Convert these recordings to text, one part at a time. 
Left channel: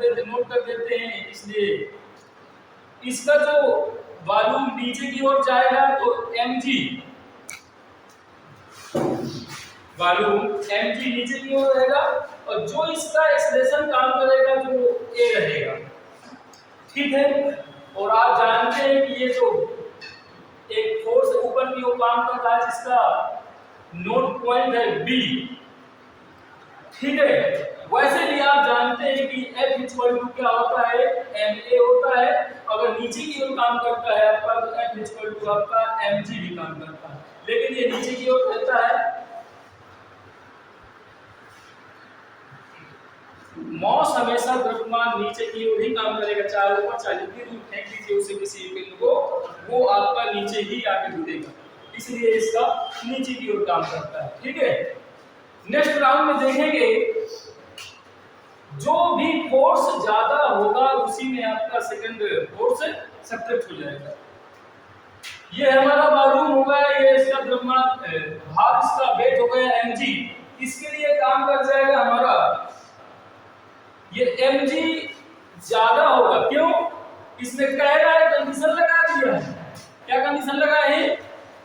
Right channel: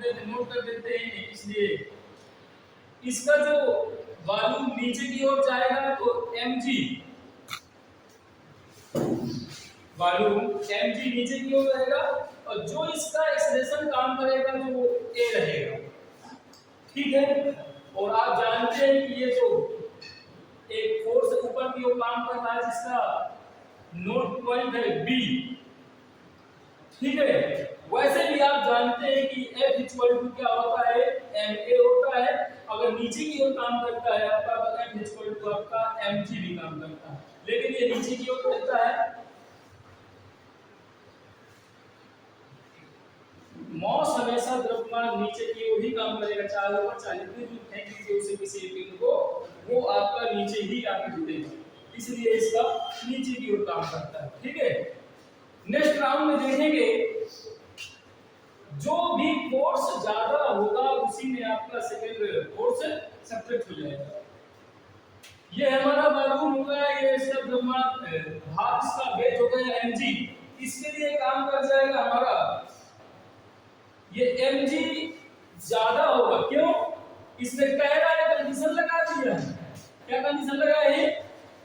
Note कर देते हैं। इसलिए इसका जो वॉल्यूम नीचे की ओर जाएगा तो mg, वॉल्यूम mg नीचे की ओर रहेगा और जो इसका एक्सेलरेशन काम करेगा जो a रहेगा। ठीक है, और आप जानते हैं कि ये जो एक फोर्स ऊपर की ओर काम कर रहा है जिसका नोड पॉइंट है b, ठीक है, वैसे भी आप जानते हैं कि F इक्वल टू क्या होता है, ma होता है। अगर नीचे की ओर काम करता है आपका तो F इक्वल टू आपका mg भी काम करता है, लेकिन ये नीचे की ओर रहता है। मॉस हमेशा द्रव्यमान नीचे की ओर ही काम करेगा, चाहे ऊपर चाहे जितनी दूर फेंक लीजिए उसे किसी बिंदु को, वो आपका नीचे ही आके जुड़ेगा, इसलिए इसका नीचे की ओर काम करता है। ठीक है, नेक्स्ट राउंड में देखेंगे जो भी फोर्स ज्यादा होगा उसी में आपका सेकंड फोर्स सब्ट्रैक्ट हो जाएगा। ये हमारा वॉल्यूम होगा, ये इसका द्रव्यमान भार इसका वेट हो गया mg, इसके लिए काम कर जाएगा हमारा ये mg ज्यादा होगा। क्यों? इसने कह रहा है कंडीशन लगा दिया है, क्या कंडीशन लगा है,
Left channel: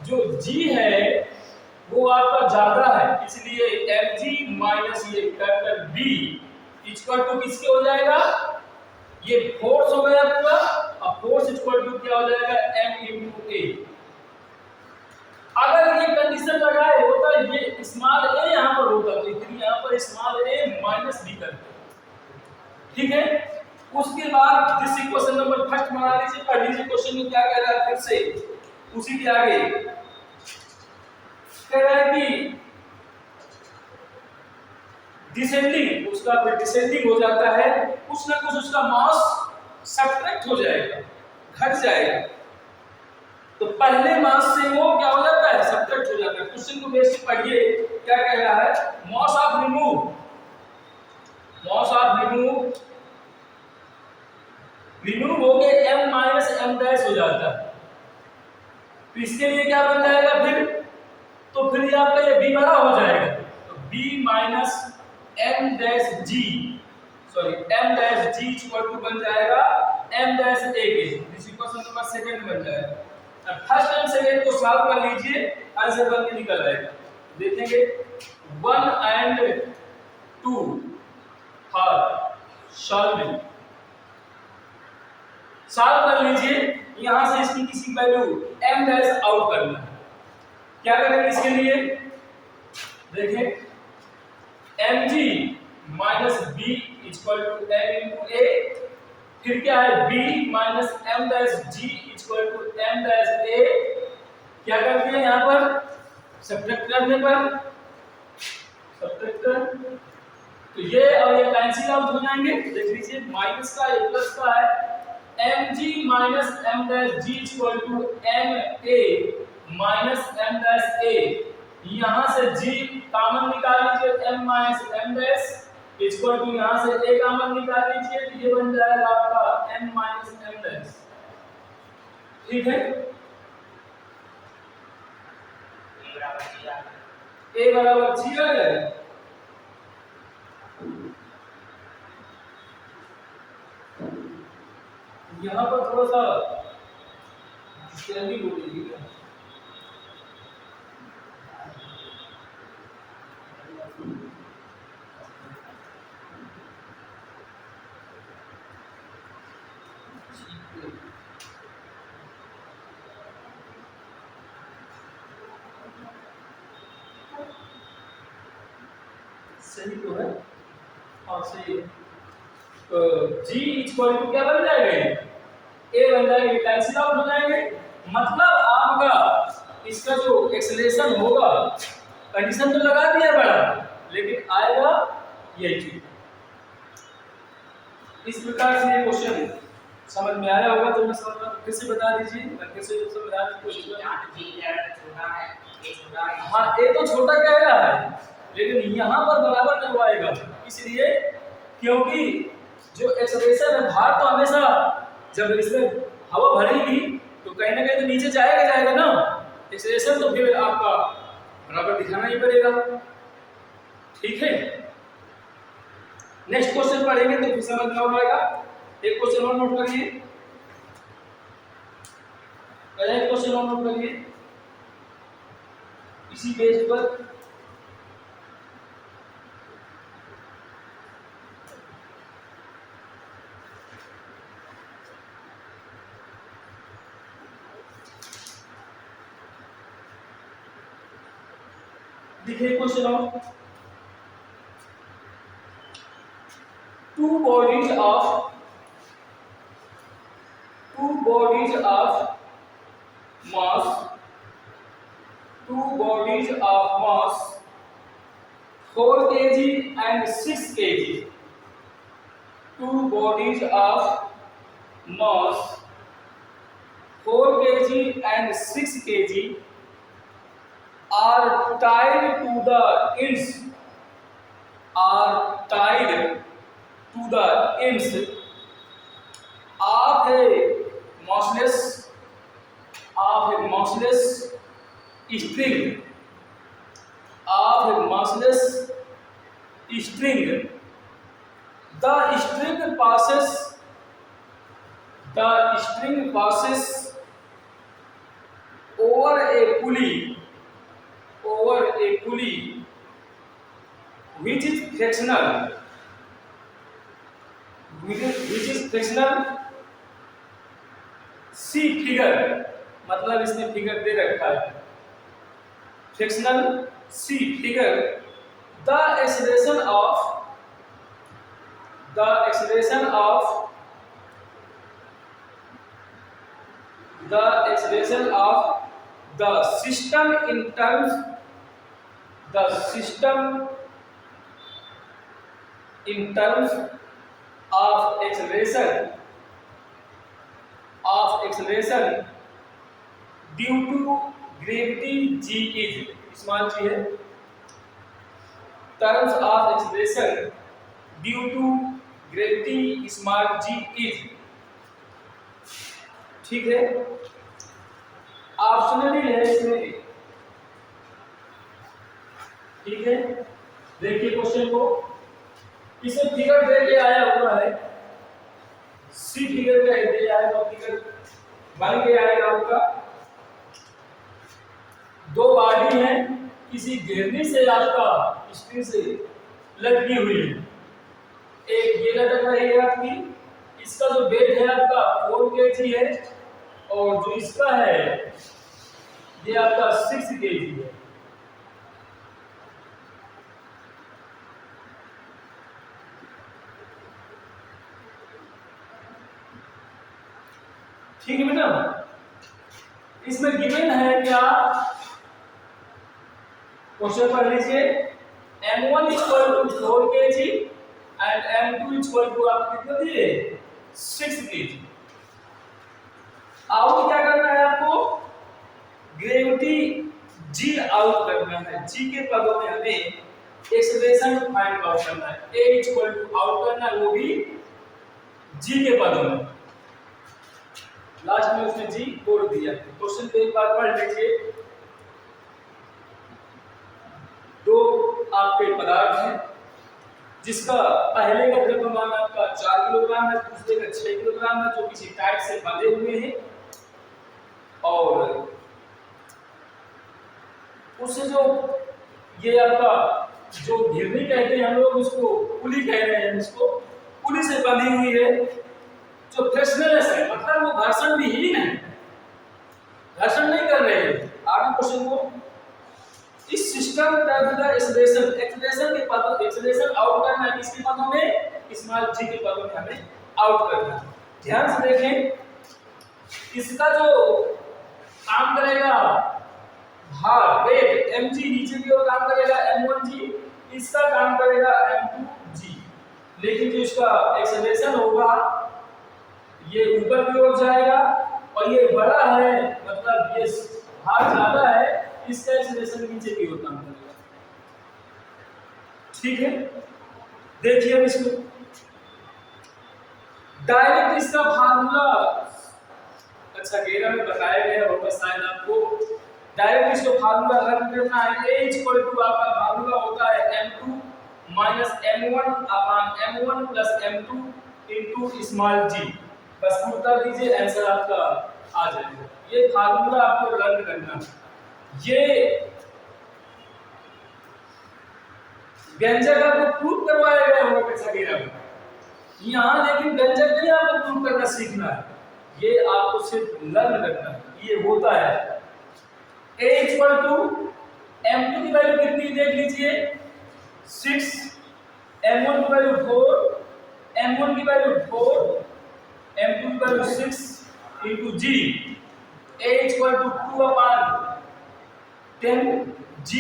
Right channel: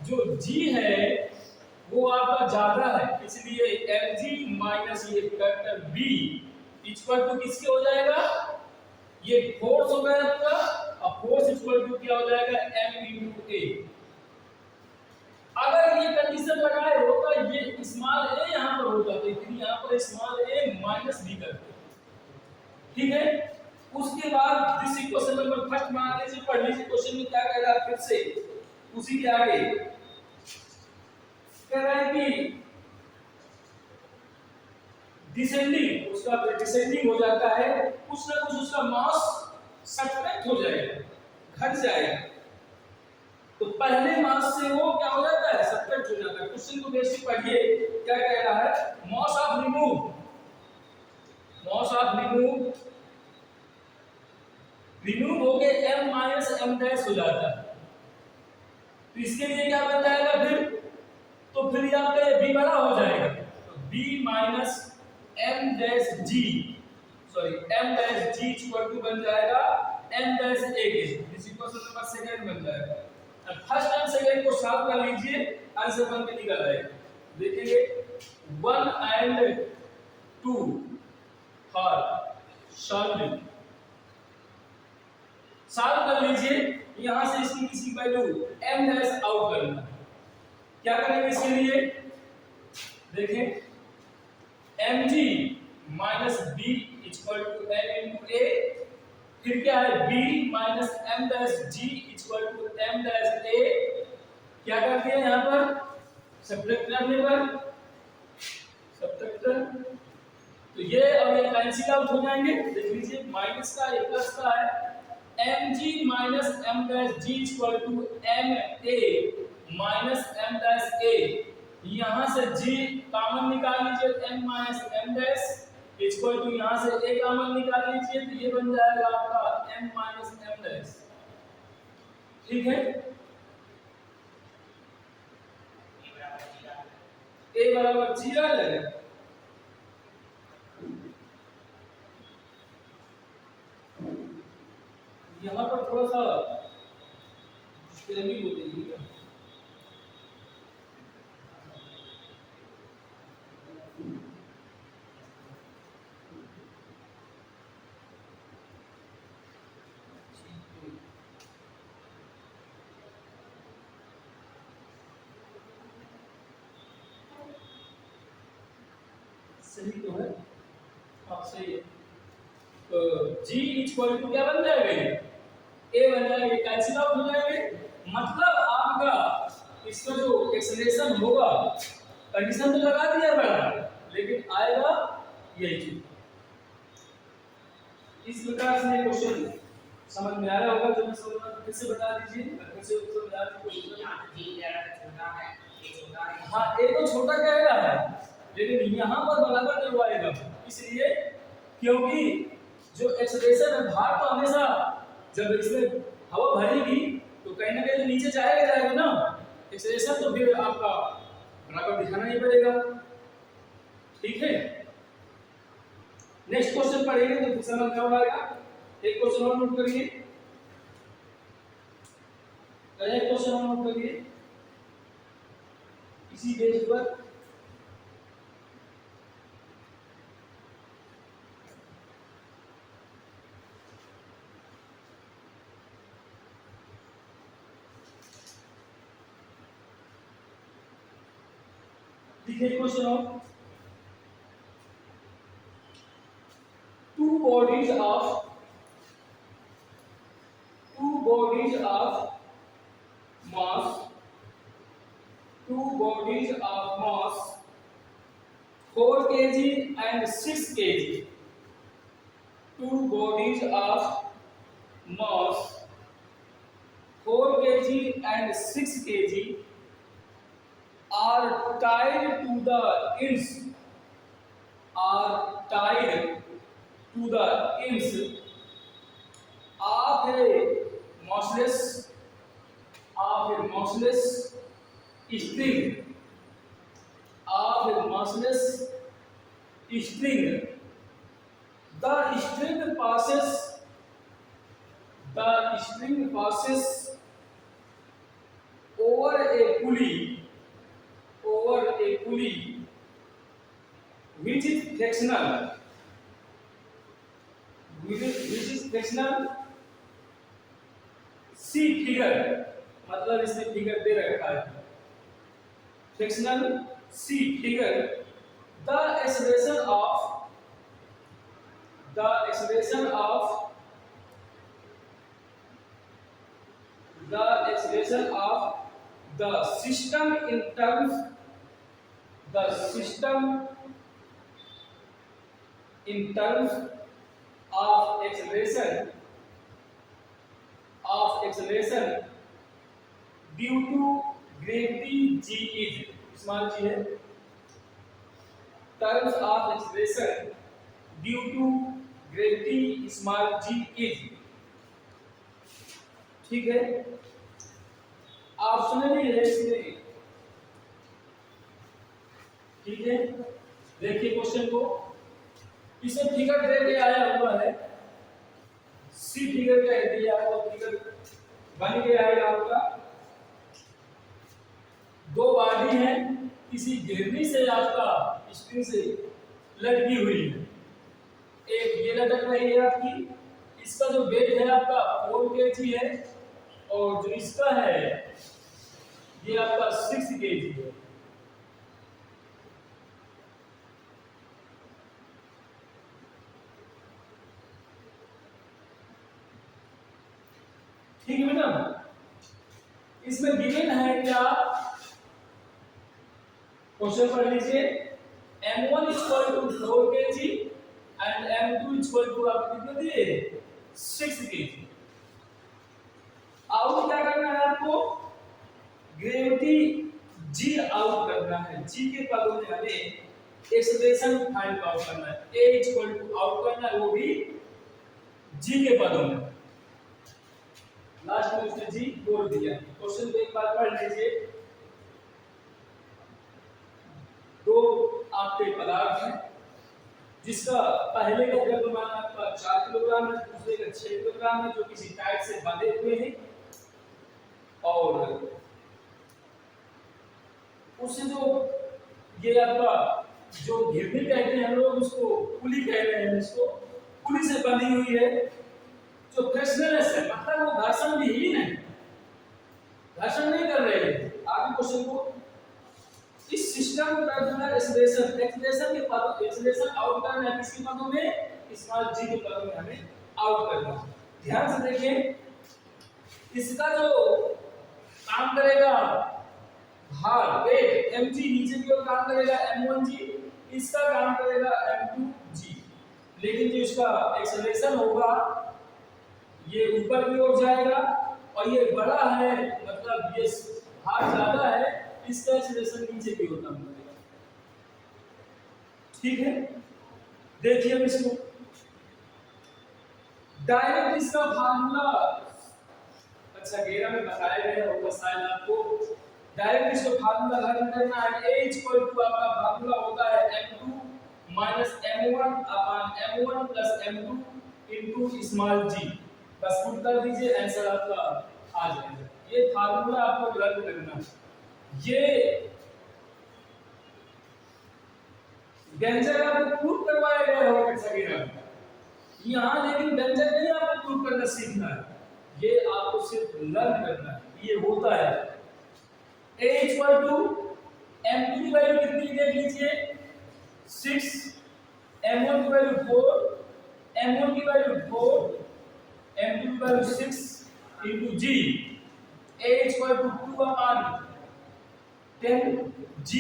जो g है वो आपका ज्यादा है, इसलिए mg माइनस ये फैक्टर b इक्वल टू किसके हो जाएगा, ये फोर्स हो गया आपका, अब फोर्स इक्वल टू क्या हो जाएगा m into a। अगर ये कंडीशन लगाए होता ये स्मॉल a यहां पर होता तो फिर यहां पर स्मॉल a माइनस b करते। ठीक है, उसके बाद दिस इक्वेशन नंबर फर्स्ट बना लीजिए, पढ़ लीजिए क्वेश्चन में क्या कह रहा है, फिर से उसी के आगे कह रहा है कि डिसेंडिंग, उसका फिर डिसेंडिंग हो जाता है, कुछ ना कुछ उसका मास सब्ट्रैक्ट हो जाएगा, घट जाएगा, तो पहले मास से वो क्या हो जाता है, सब्ट्रैक्ट हो जाता है। क्वेश्चन को बेसिक पढ़िए, क्या कह रहा है, mass of remove, mass of remove हो के m माइनस m डैश हो जाता है, तो इसके लिए क्या बन जाएगा फिर, तो फिर ये आपका ये b बड़ा हो जाएगा, तो b minus m dash g, sorry m dash g equal to बन जाएगा m डैश a के, इस इक्वेशन नंबर सेकंड बन जाएगा। अब फर्स्ट एंड सेकंड को सॉल्व कर लीजिए, आंसर बन के निकल आएगा। देखेंगे 1 and 2 फॉर सॉल्विंग, सॉल्व कर लीजिए, यहां से इसकी किसी वैल्यू m डैश आउट करना है। क्या करेंगे इसके लिए, देखें mg minus b equal to m into a, फिर क्या है b minus m dash g equal to m dash a, क्या कर दिया यहां पर सब्ट्रैक्ट करने पर, सब्ट्रैक्ट कर तो ये और ये कैंसिल आउट हो जाएंगे। देख लीजिए माइनस का ये प्लस का है, mg minus m dash g equal to m a minus m dash a, यहां से g कॉमन निकाल लीजिए, m minus m dash equal to यहां से a कॉमन निकाल लीजिए, तो ये बन जाएगा आपका m माइनस m डैश। ठीक है, a बराबर g आ गया। यहाँ पर थोड़ा सा स्टैंडिंग हो जाएगी, सही तो है, हाँ सही है। तो g इक्वल टू क्या बन जाएगा, a बन जाएंगे, कैंसिल आउट हो जाएंगे, मतलब आपका इसका जो एक्सेलरेशन होगा, कंडीशन तो लगा दिया बड़ा, लेकिन आएगा यही चीज। इस प्रकार से ये क्वेश्चन समझ में आया होगा, तो मैं फिर से बता दीजिए, मैं फिर से समझाने की कोशिश करूंगा। हाँ a तो छोटा कह रहा है, लेकिन यहाँ पर बराबर करवाएगा, इसलिए क्योंकि जो एक्सेलरेशन है, भार तो हमेशा जब इसमें हवा भरेगी तो कहीं ना कहीं तो नीचे जाएगा ना, एक्सेलरेशन तो फिर आपका बराबर दिखाना ही पड़ेगा। ठीक है, नेक्स्ट क्वेश्चन पढ़ेंगे तो फिर समझ में आ जाएगा। एक क्वेश्चन और नोट करिए, एक क्वेश्चन और नोट करिए इसी बेस पर। देखिए question of two bodies of mass, two bodies of mass 4 kg and 6 kg, two bodies of mass 4 kg and 6 kg are tied to the ends, are tied to the ends of a massless string, of a massless string. The string passes over a pulley, which is frictional, see figure, मतलब इसने figure दे रखा है frictional see figure. The acceleration of the system in terms of acceleration due to gravity g is, small g है, terms of acceleration due to gravity small g is, ठीक है। Optionally है इसमें, ठीक है। देखिए क्वेश्चन को, इसे फिगर दे के आया हुआ है, सी फिगर का दिया है तो फिगर बन गया है आपका। दो बॉडी है किसी घेरनी से आपका स्ट्रिंग से लटकी हुई है, एक ये लटक रही है आपकी, इसका जो वेट है आपका 4 kg है और जो इसका है ये आपका 6 kg है। ठीक है बेटा, इसमें गिवन है क्या, क्वेश्चन पढ़ लीजिए। m1 equal to 4 kg and m2 equal to आप कितना दिए 6 kg। आउट क्या करना है आपको, ग्रेविटी g आउट करना है, g के पदों में हमें एक्सेलरेशन फाइंड आउट करना है, a इक्वल टू आउट करना है वो भी g के पदों में। लास्ट में उसने जी बोल दिया। क्वेश्चन को एक बार पढ़ लीजिए। दो आपके पदार्थ हैं जिसका पहले का द्रव्यमान आपका 4 किलोग्राम है, दूसरे का 6 किलोग्राम है, जो किसी टाइट से बंधे हुए हैं और उससे जो ये आपका जो घिरनी कहते हैं हम लोग उसको पुली कह रहे हैं, इसको पुली से बंधी हुई है, जो फ्रिक्शनलेस है, मतलब वो घर्षण विहीन है, घर्षण नहीं कर रहे हैं। आगे क्वेश्चन को, इस सिस्टम का एक्सेलरेशन के पदों, एक्सेलरेशन आउट करना है किसके पदों में, स्मॉल g के पदों में हमें आउट करना है। ध्यान से देखें, इसका जो काम करेगा भार वेट mg नीचे की ओर काम करेगा m1g, इसका काम करेगा m2g, लेकिन जो इसका एक्सेलरेशन होगा ये ऊपर की ओर जाएगा और ये बड़ा है, मतलब ये भार ज्यादा है, इसका एक्सेलरेशन नीचे की ओर काम करेगा। ठीक है, देखिए अब इसको डायरेक्ट इसका फार्मूला, अच्छा गेरा में बताया गया होगा शायद आपको, डायरेक्ट इसको फार्मूला रन करना है। a इक्वल टू आपका फार्मूला होता है m2 minus m1 plus m2 into small g। बस उत्तर दीजिए, आंसर आपका आ जाएगा। ये फार्मूला आपको लर्न करना है। ये व्यंजक आपको प्रूव करवाया गया होगा कक्षा 13 में यहाँ, लेकिन व्यंजक नहीं आपको प्रूव करना सीखना है, ये आपको सिर्फ लर्न करना है। ये होता है a इक्वल टू m2 की वैल्यू कितनी देख लीजिए 6, m1 की वैल्यू 4, m1 की वैल्यू 4, m2 की value 6 into g। a equal to 2 upon 10 g,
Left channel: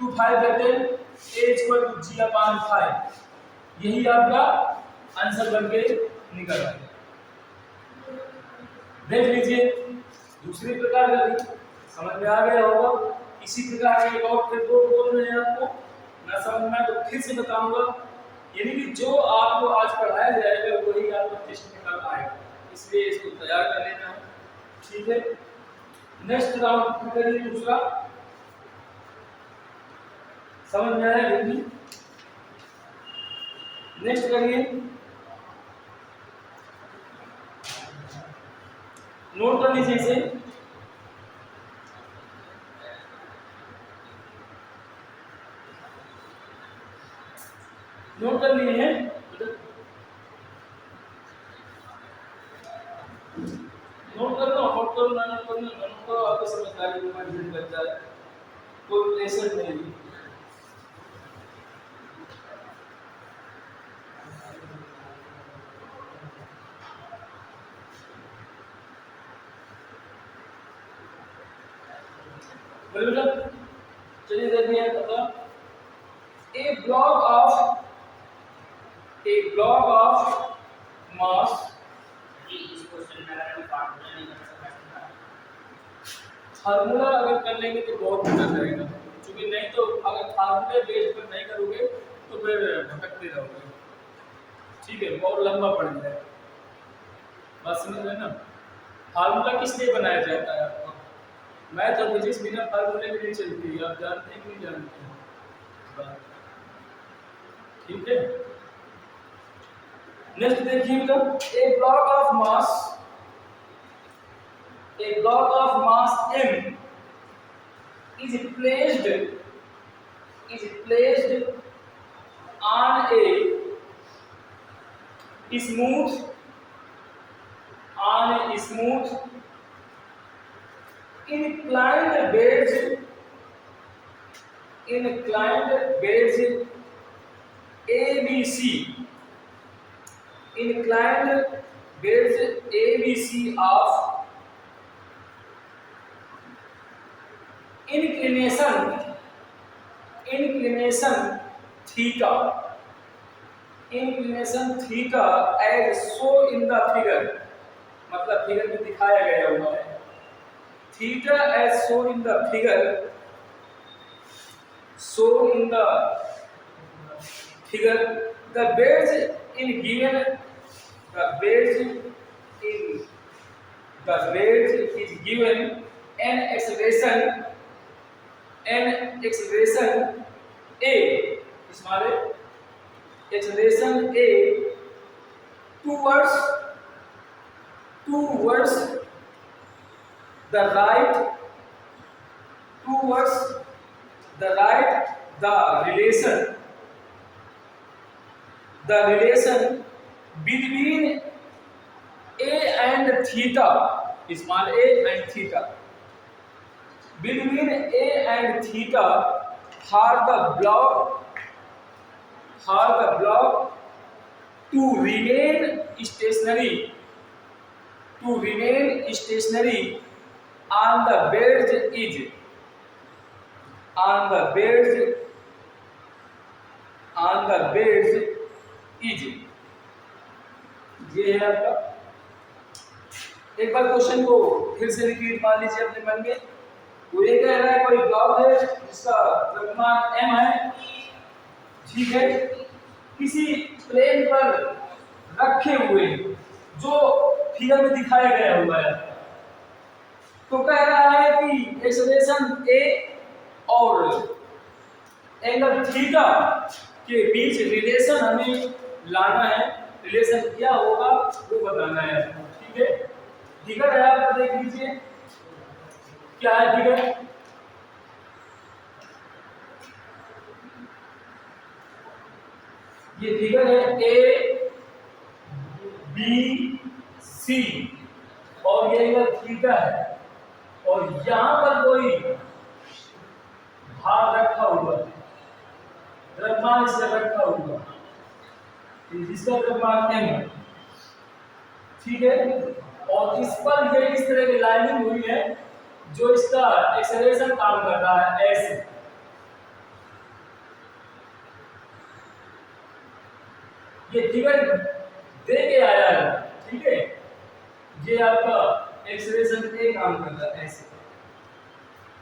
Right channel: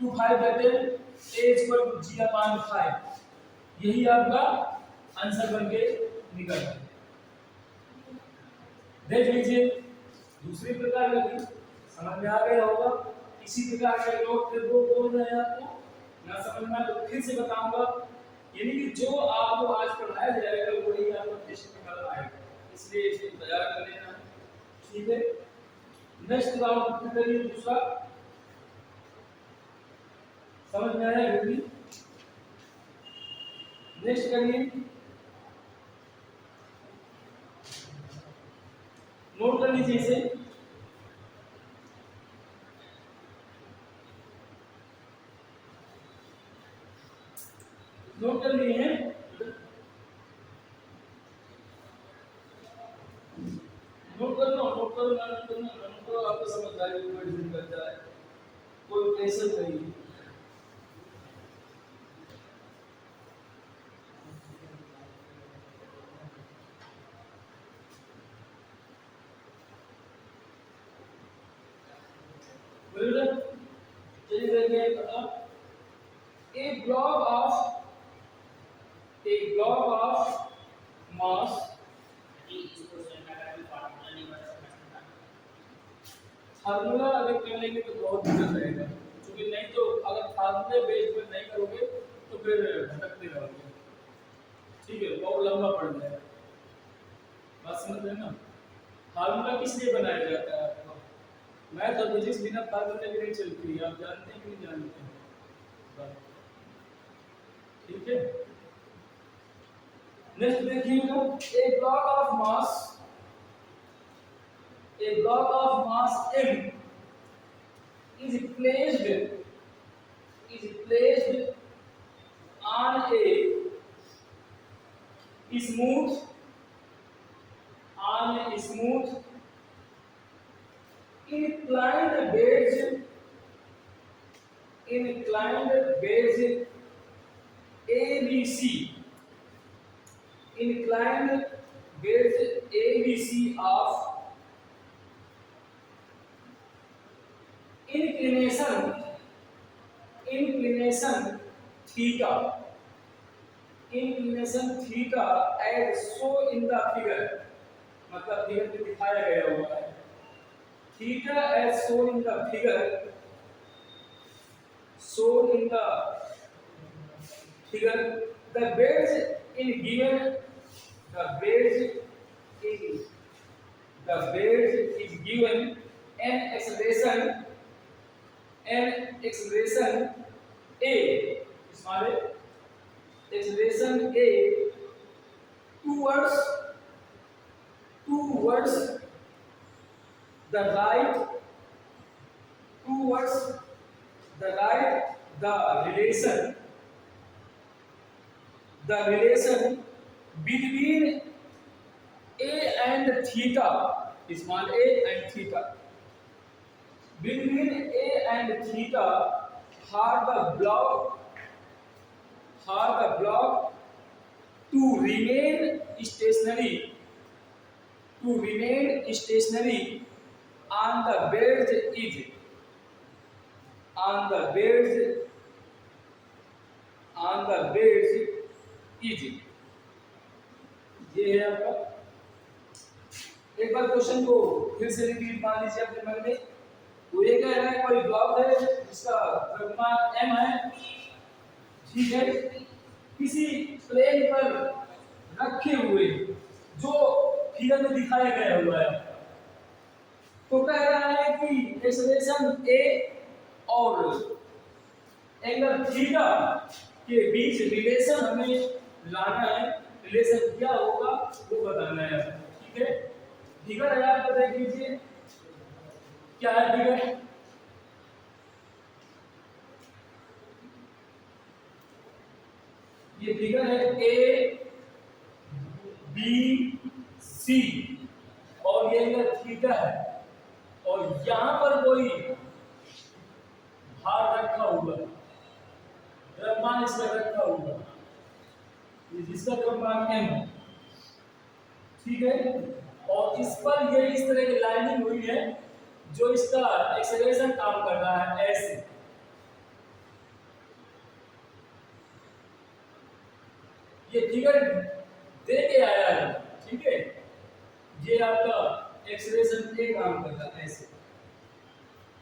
2 5 10, a equal to g upon 5। यही आपका आंसर बन के निकल रहा है। देख लीजिए दूसरी प्रकार का भी समझ में आ गया होगा। इसी प्रकार के एक और फिर दो बोल रहे हैं आपको, ना समझ में तो फिर से बताऊंगा। यानी कि जो आपको आज पढ़ाया जाएगा वही आपको टेस्ट में कल आएगा, इसलिए इसको तैयार कर लेना है। ठीक है, नेक्स्ट राउंड करिए दूसरा। समझ में आया हिंदी? नेक्स्ट करिए, नोट कर लीजिए इसे। नोट कर लिए हैं? नोट करना, नोट करो ना, नोट करना, नोट करो, आपको समझदारी को कंप्लीट कर जाए, कोई प्रेशर नहीं। चलिए देखिए पता, a block of mass। इस क्वेश्चन में अगर हम फार्मूला नहीं कर सकते, फार्मूला अगर कर लेंगे तो बहुत दिक्कत रहेगा, क्योंकि नहीं तो अगर फार्मूले बेस पर नहीं करोगे तो फिर भटकते रहोगे। ठीक है, बहुत लंबा पड़ जाएगा। बात समझ रहे ना? फार्मूला किस लिए बनाया जाता है आपको? मैथ और फिजिक्स बिना फार्मूले के नहीं चलती है, आप जानते हैं कि नहीं जानते हैं? ठीक है, नेक्स्ट देखिए, a block of mass m is placed on a smooth inclined beds ABC, inclined beds ABC of inclination theta as shown in the figure। मतलब फिगर में दिखाया गया हुआ है, theta as shown in the figure, the beds is given an acceleration a, small a, acceleration a towards the right, the relation between a and theta, small a and theta, between a and theta for the block to remain stationary on the beds is ये है आपका। एक बार question को फिर से repeat मान लीजिए अपने मन में। वो ये कह रहा है कोई ब्लॉक है जिसका द्रव्यमान m है, ठीक है, किसी प्लेन पर रखे हुए जो फिगर में दिखाया गया हुआ है, तो कह रहा है कि एक्सेलरेशन a और एंगल थीटा के बीच रिलेशन हमें लाना है, रिलेशन क्या होगा वो बताना है, ठीक है। फिगर है आपका, देख लीजिए क्या है फिगर। ये फिगर है ए बी सी और ये इधर थीटा है और यहां पर कोई भार रखा हुआ है, द्रव्यमान इसका रखा हुआ जिसका द्रव्यमान m है, ठीक है। और इस पर ये इस तरह की लाइनिंग हुई है जो इसका एक्सेलरेशन काम कर रहा है ऐसे। ये फिगर दे के आया है, ठीक है। ये आपका एक्सेलरेशन ए काम कर रहा है ऐसे।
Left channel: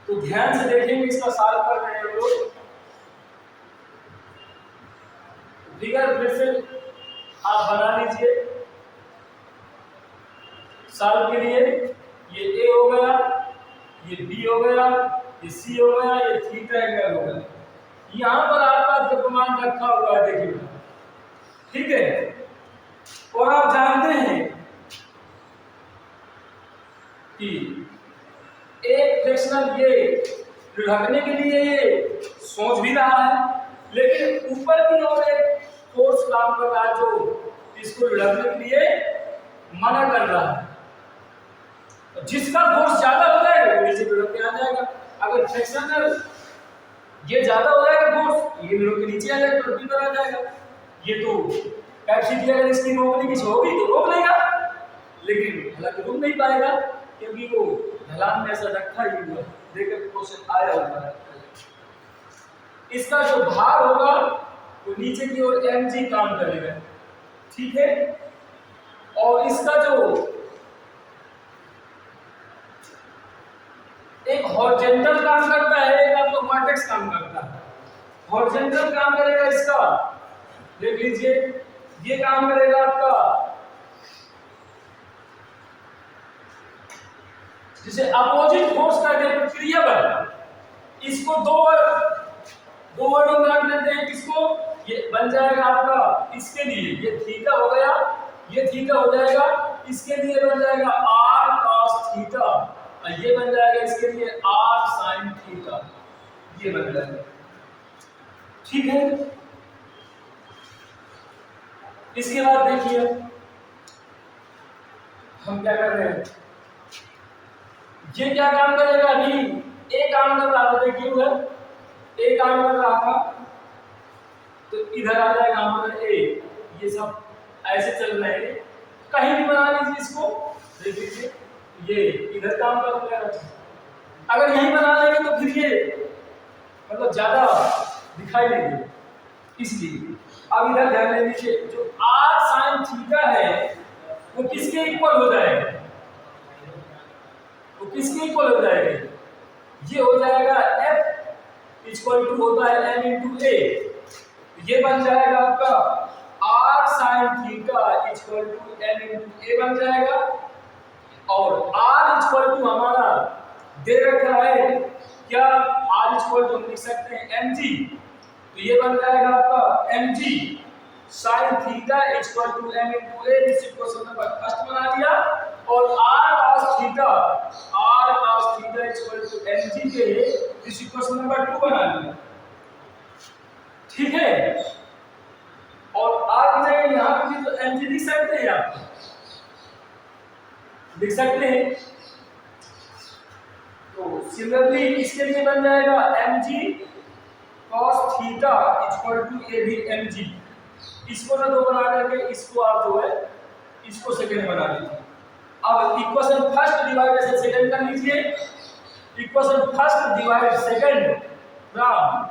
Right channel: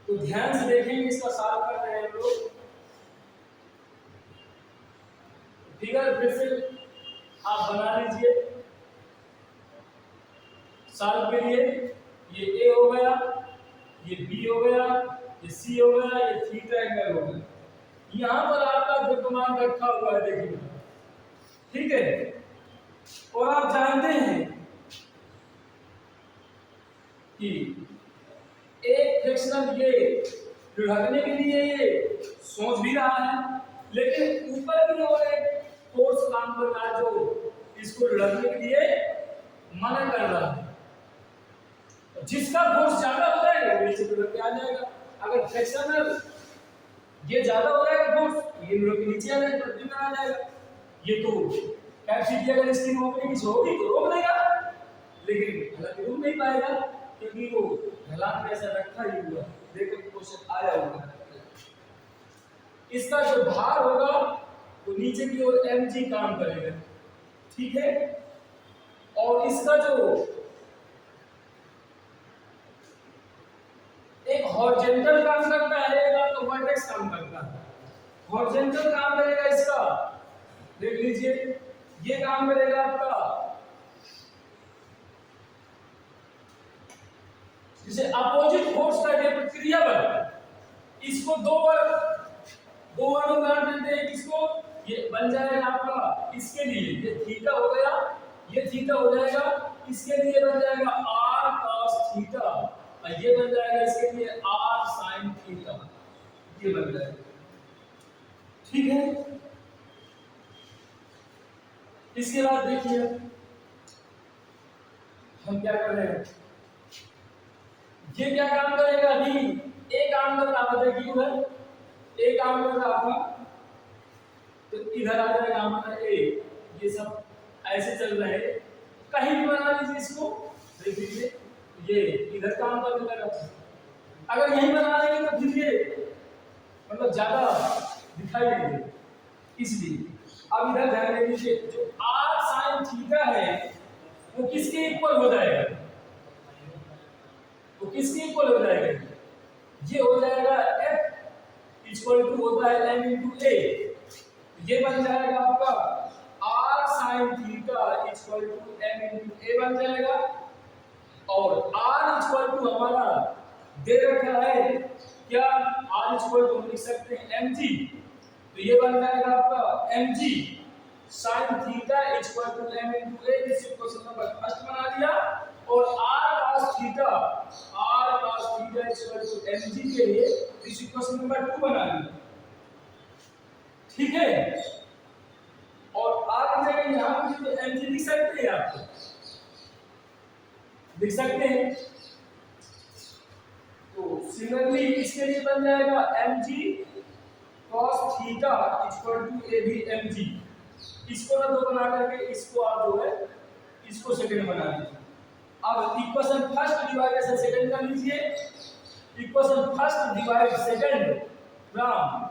तो ध्यान से देखेंगे, इसका सॉल्व कर रहे हैं हम लोग। फिगर फिर से आप बना लीजिए सॉल्व के लिए। ये ए हो गया, ये बी हो गया, ये सी हो गया, ये थीटा एंगल हो गया। यहां पर आपका द्रव्यमान रखा हुआ है, देखिए, ठीक है। और आप जानते हैं कि एक फ्रिक्शनल ये ढकने के लिए ये सोच भी रहा है, लेकिन ऊपर की ओर एक फोर्स काम कर रहा है जो इसको ढकने के लिए मना कर रहा है। जिसका फोर्स ज्यादा हो जाएगा वो नीचे ढक के आ जाएगा। अगर फ्रिक्शनल ये ज्यादा हो जाएगा फोर्स, ये ढक के नीचे आ जाएगा, पृथ्वी पर आ जाएगा। ये तो कैपेसिटी अगर इसकी रोकने की होगी तो रोक लेगा, लेकिन हालांकि रुक नहीं पाएगा क्योंकि वो ढलान में ऐसा रखा ही हुआ है। देखकर क्वेश्चन आया हुआ है। इसका जो भार होगा वो नीचे की ओर mg काम करेगा, ठीक है। और इसका जो एक हॉरिजॉन्टल काम करता है, एक आपका वर्टेक्स काम करता है। हॉरिजॉन्टल काम करेगा इसका, देख लीजिए, ये काम करेगा आपका जिसे अपोजिट फोर्स का प्रतिक्रिया बल। इसको दो वर्डिंग काट लेते हैं, किसको, ये बन जाएगा आपका इसके लिए ये थीटा हो गया, ये थीटा हो जाएगा, इसके लिए बन जाएगा r cos थीटा और ये बन जाएगा इसके लिए r sin थीटा, ये बन जाएगा, ठीक है। इसके बाद देखिए हम क्या कर रहे हैं, ये क्या काम करेगा, अभी ए काम कर रहा था, देखिए उधर ए काम कर रहा था तो इधर आ जाएगा हमारा ए। ये सब ऐसे चल रहे हैं, कहीं भी बना लीजिए इसको, देख लीजिए ये इधर काम कर रहा। अगर यहीं बना लेंगे तो फिर ये मतलब ज्यादा दिखाई देंगे, इसलिए अब इधर ध्यान देने दीजिए, जो r sin थीटा है वो किसके इक्वल हो जाएगा, वो किसके इक्वल हो जाएगा, ये हो जाएगा f इक्वल टू होता है m इंटू ए। ये बन जाएगा आपका r sin theta equal to m into a बन जाएगा। और r इक्वल टू हमारा दे रखा है क्या, r इक्वल टू हम लिख सकते हैं mg, तो ये बन जाएगा आपका mg sin theta equal to m into a. इस क्वेश्चन नंबर फर्स्ट बना लिया। और r cos theta equal to mg के लिए इस क्वेश्चन नंबर 2 बना लिया, ठीक है। और r की जगह यहां पे भी तो mg लिख सकते हैं, आप लिख सकते हैं। तो सिमिलरली इसके लिए बन जाएगा mg cos theta equal to a भी mg। इसको ना दो बना करके इसको आप जो है इसको सेकंड बना लीजिए। अब इक्वेशन फर्स्ट डिवाइड से सेकंड कर लीजिए। Equation first divide second from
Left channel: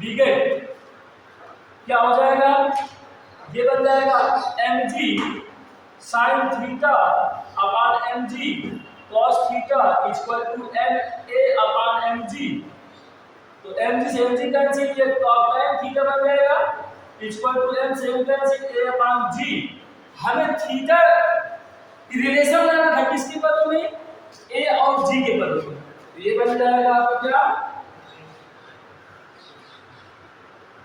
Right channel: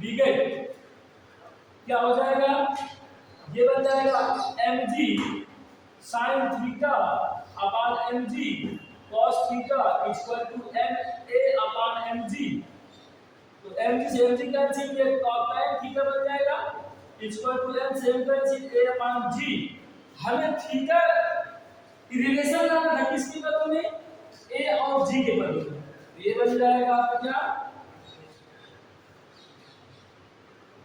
we get क्या हो जाएगा, ये बन जाएगा mg sin theta upon mg cos theta equal to ma upon mg। तो mg से mg कैंसिल किया तो आपका m थीटा बन जाएगा इक्वल टू m से m cancel a upon g। हमें थीटा की रिलेशन लाना था किसके पदों में, a और g के पदों में। तो ये बन जाएगा आपका क्या,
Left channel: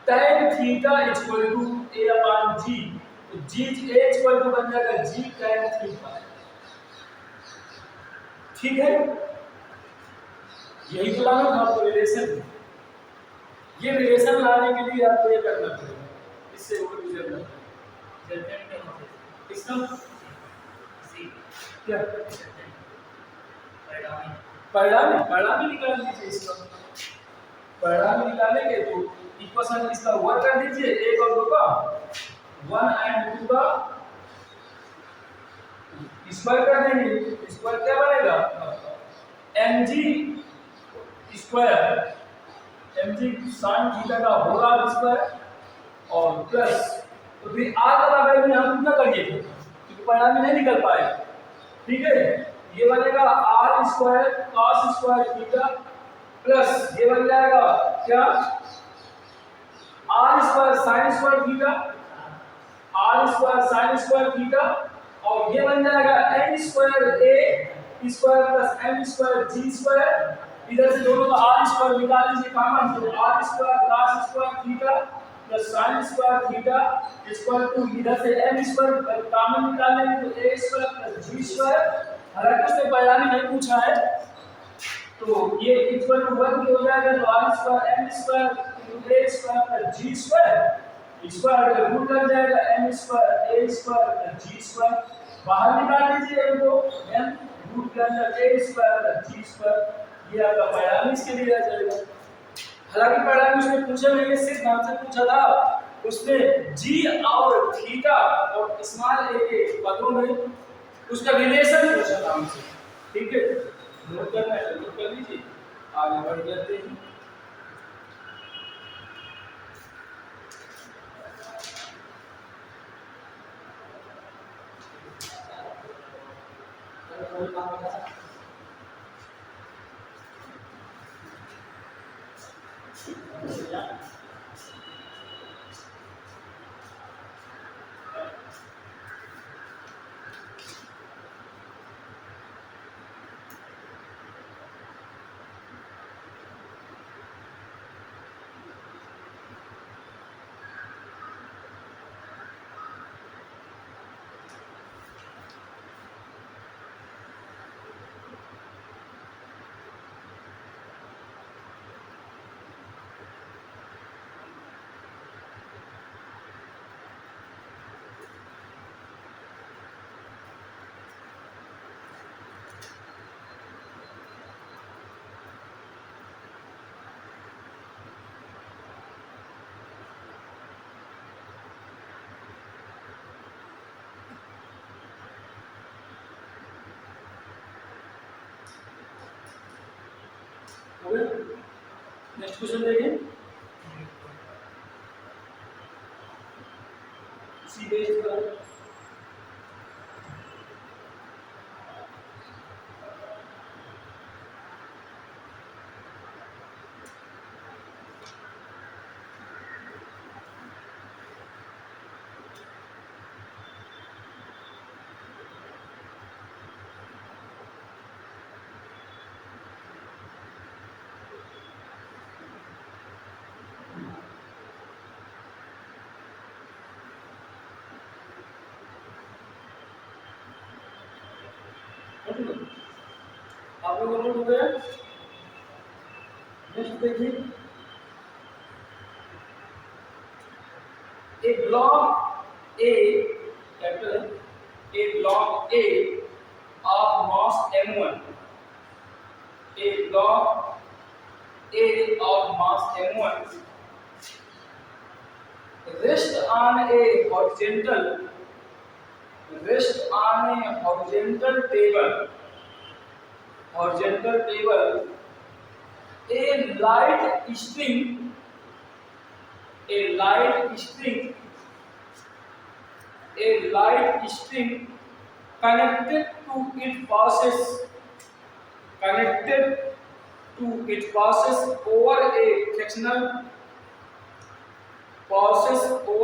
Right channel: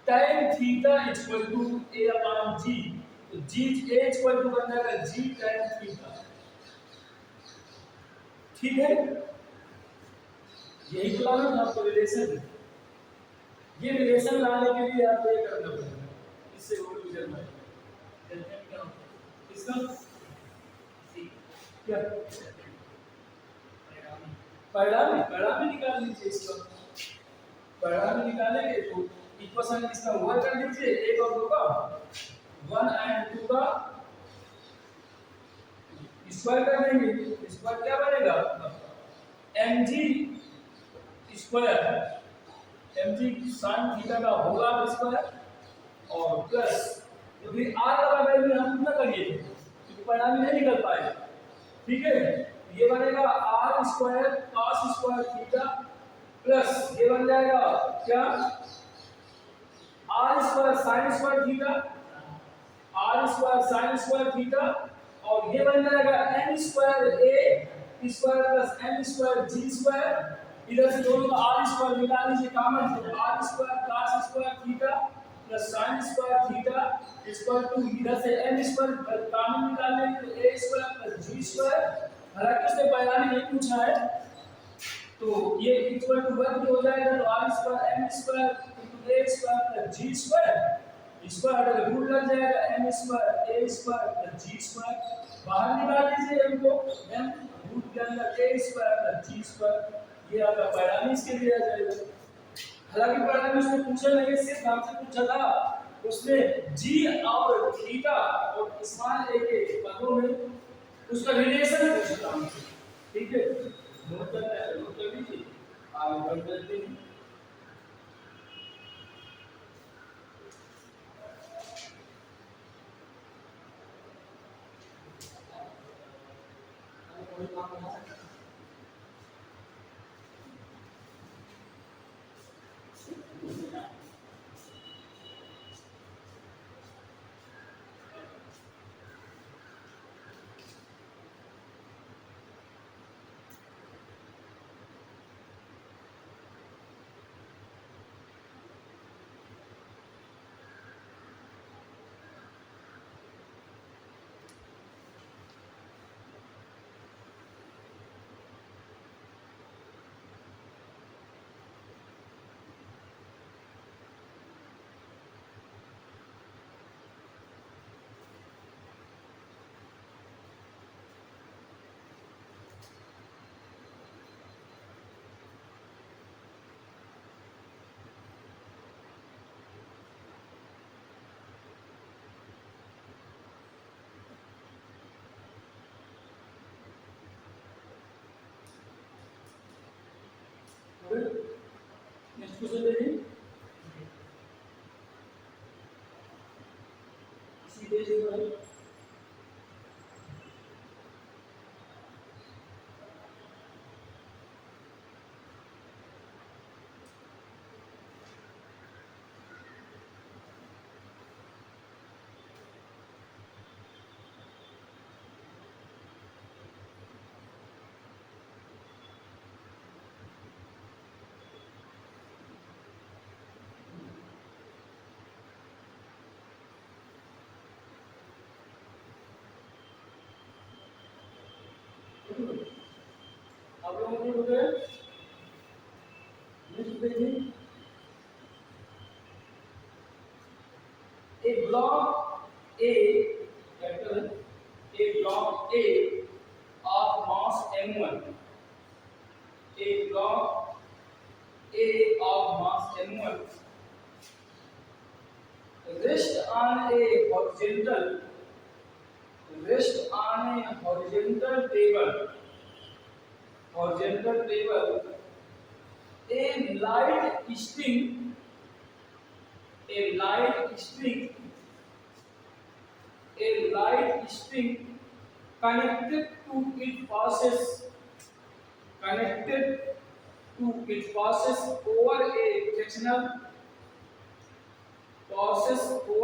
tan theta equal to a upon g, तो g a इक्वल टू बन जाएगा g tan थीटा। ठीक है, यही तो लाना था आपको रिलेशन। ये रिलेशन लाने के लिए आपको ये करना पड़ेगा, इससे वो गुजरना पड़ेगा। रिजल्टेंट क्या होता है? इसका सी क्या परिणामी परिणाम ही निकाल लीजिए इसका। परिणाम निकालेंगे तो इक्वेशन इसका वर्क कर दीजिए, एक और दो का 1 एंड 2 का स्क्वायर कर देंगे। स्क्वायर क्या बनेगा mg square, mg sin theta का होल स्क्वायर और प्लस, तो फिर r का वैल्यू यहां कितना करिए थे क्योंकि परिणाम नहीं निकल पाए। ठीक है, ये बनेगा r square cos square theta plus ये बन जाएगा क्या r square sin square theta, r square sin square theta, और ये बन जाएगा n square a square plus m square g square. इधर से दोनों का r स्क्वायर निकाल लीजिए कॉमन, तो r square cos square theta plus sin square theta equal to इधर से m स्क्वायर कॉमन निकाल लेंगे तो a square plus g square. हालांकि उसने परिणाम नहीं पूछा है, तो ये इक्वल टू 1 हो जाएगा, तो r square m square into a square plus g square, square का रूट लग जाएगा m square a square plus g square. बाहर निकाल लीजिए m को, m रूट के अंदर a square plus g square, ये आपका परिणाम इसके लिए आ जाएगा। हालांकि परिणाम उसने पूछा नहीं है, सिर्फ नाम से पूछा था। उसने g और थीटा और स्मॉल a के पदों में उसका रिलेशन पूछा था हमसे। ठीक है, नोट करना है नोट कर लीजिए, आगे बढ़ जाते हैं। नेक्स्ट क्वेश्चन देखें, उसी बेस पर आप लोगों को नोट हो गया। नेक्स्ट देखिए, a block A capital a block A of mass m1, a block A of mass m1 rest on a horizontal table, a light string connected to it passes over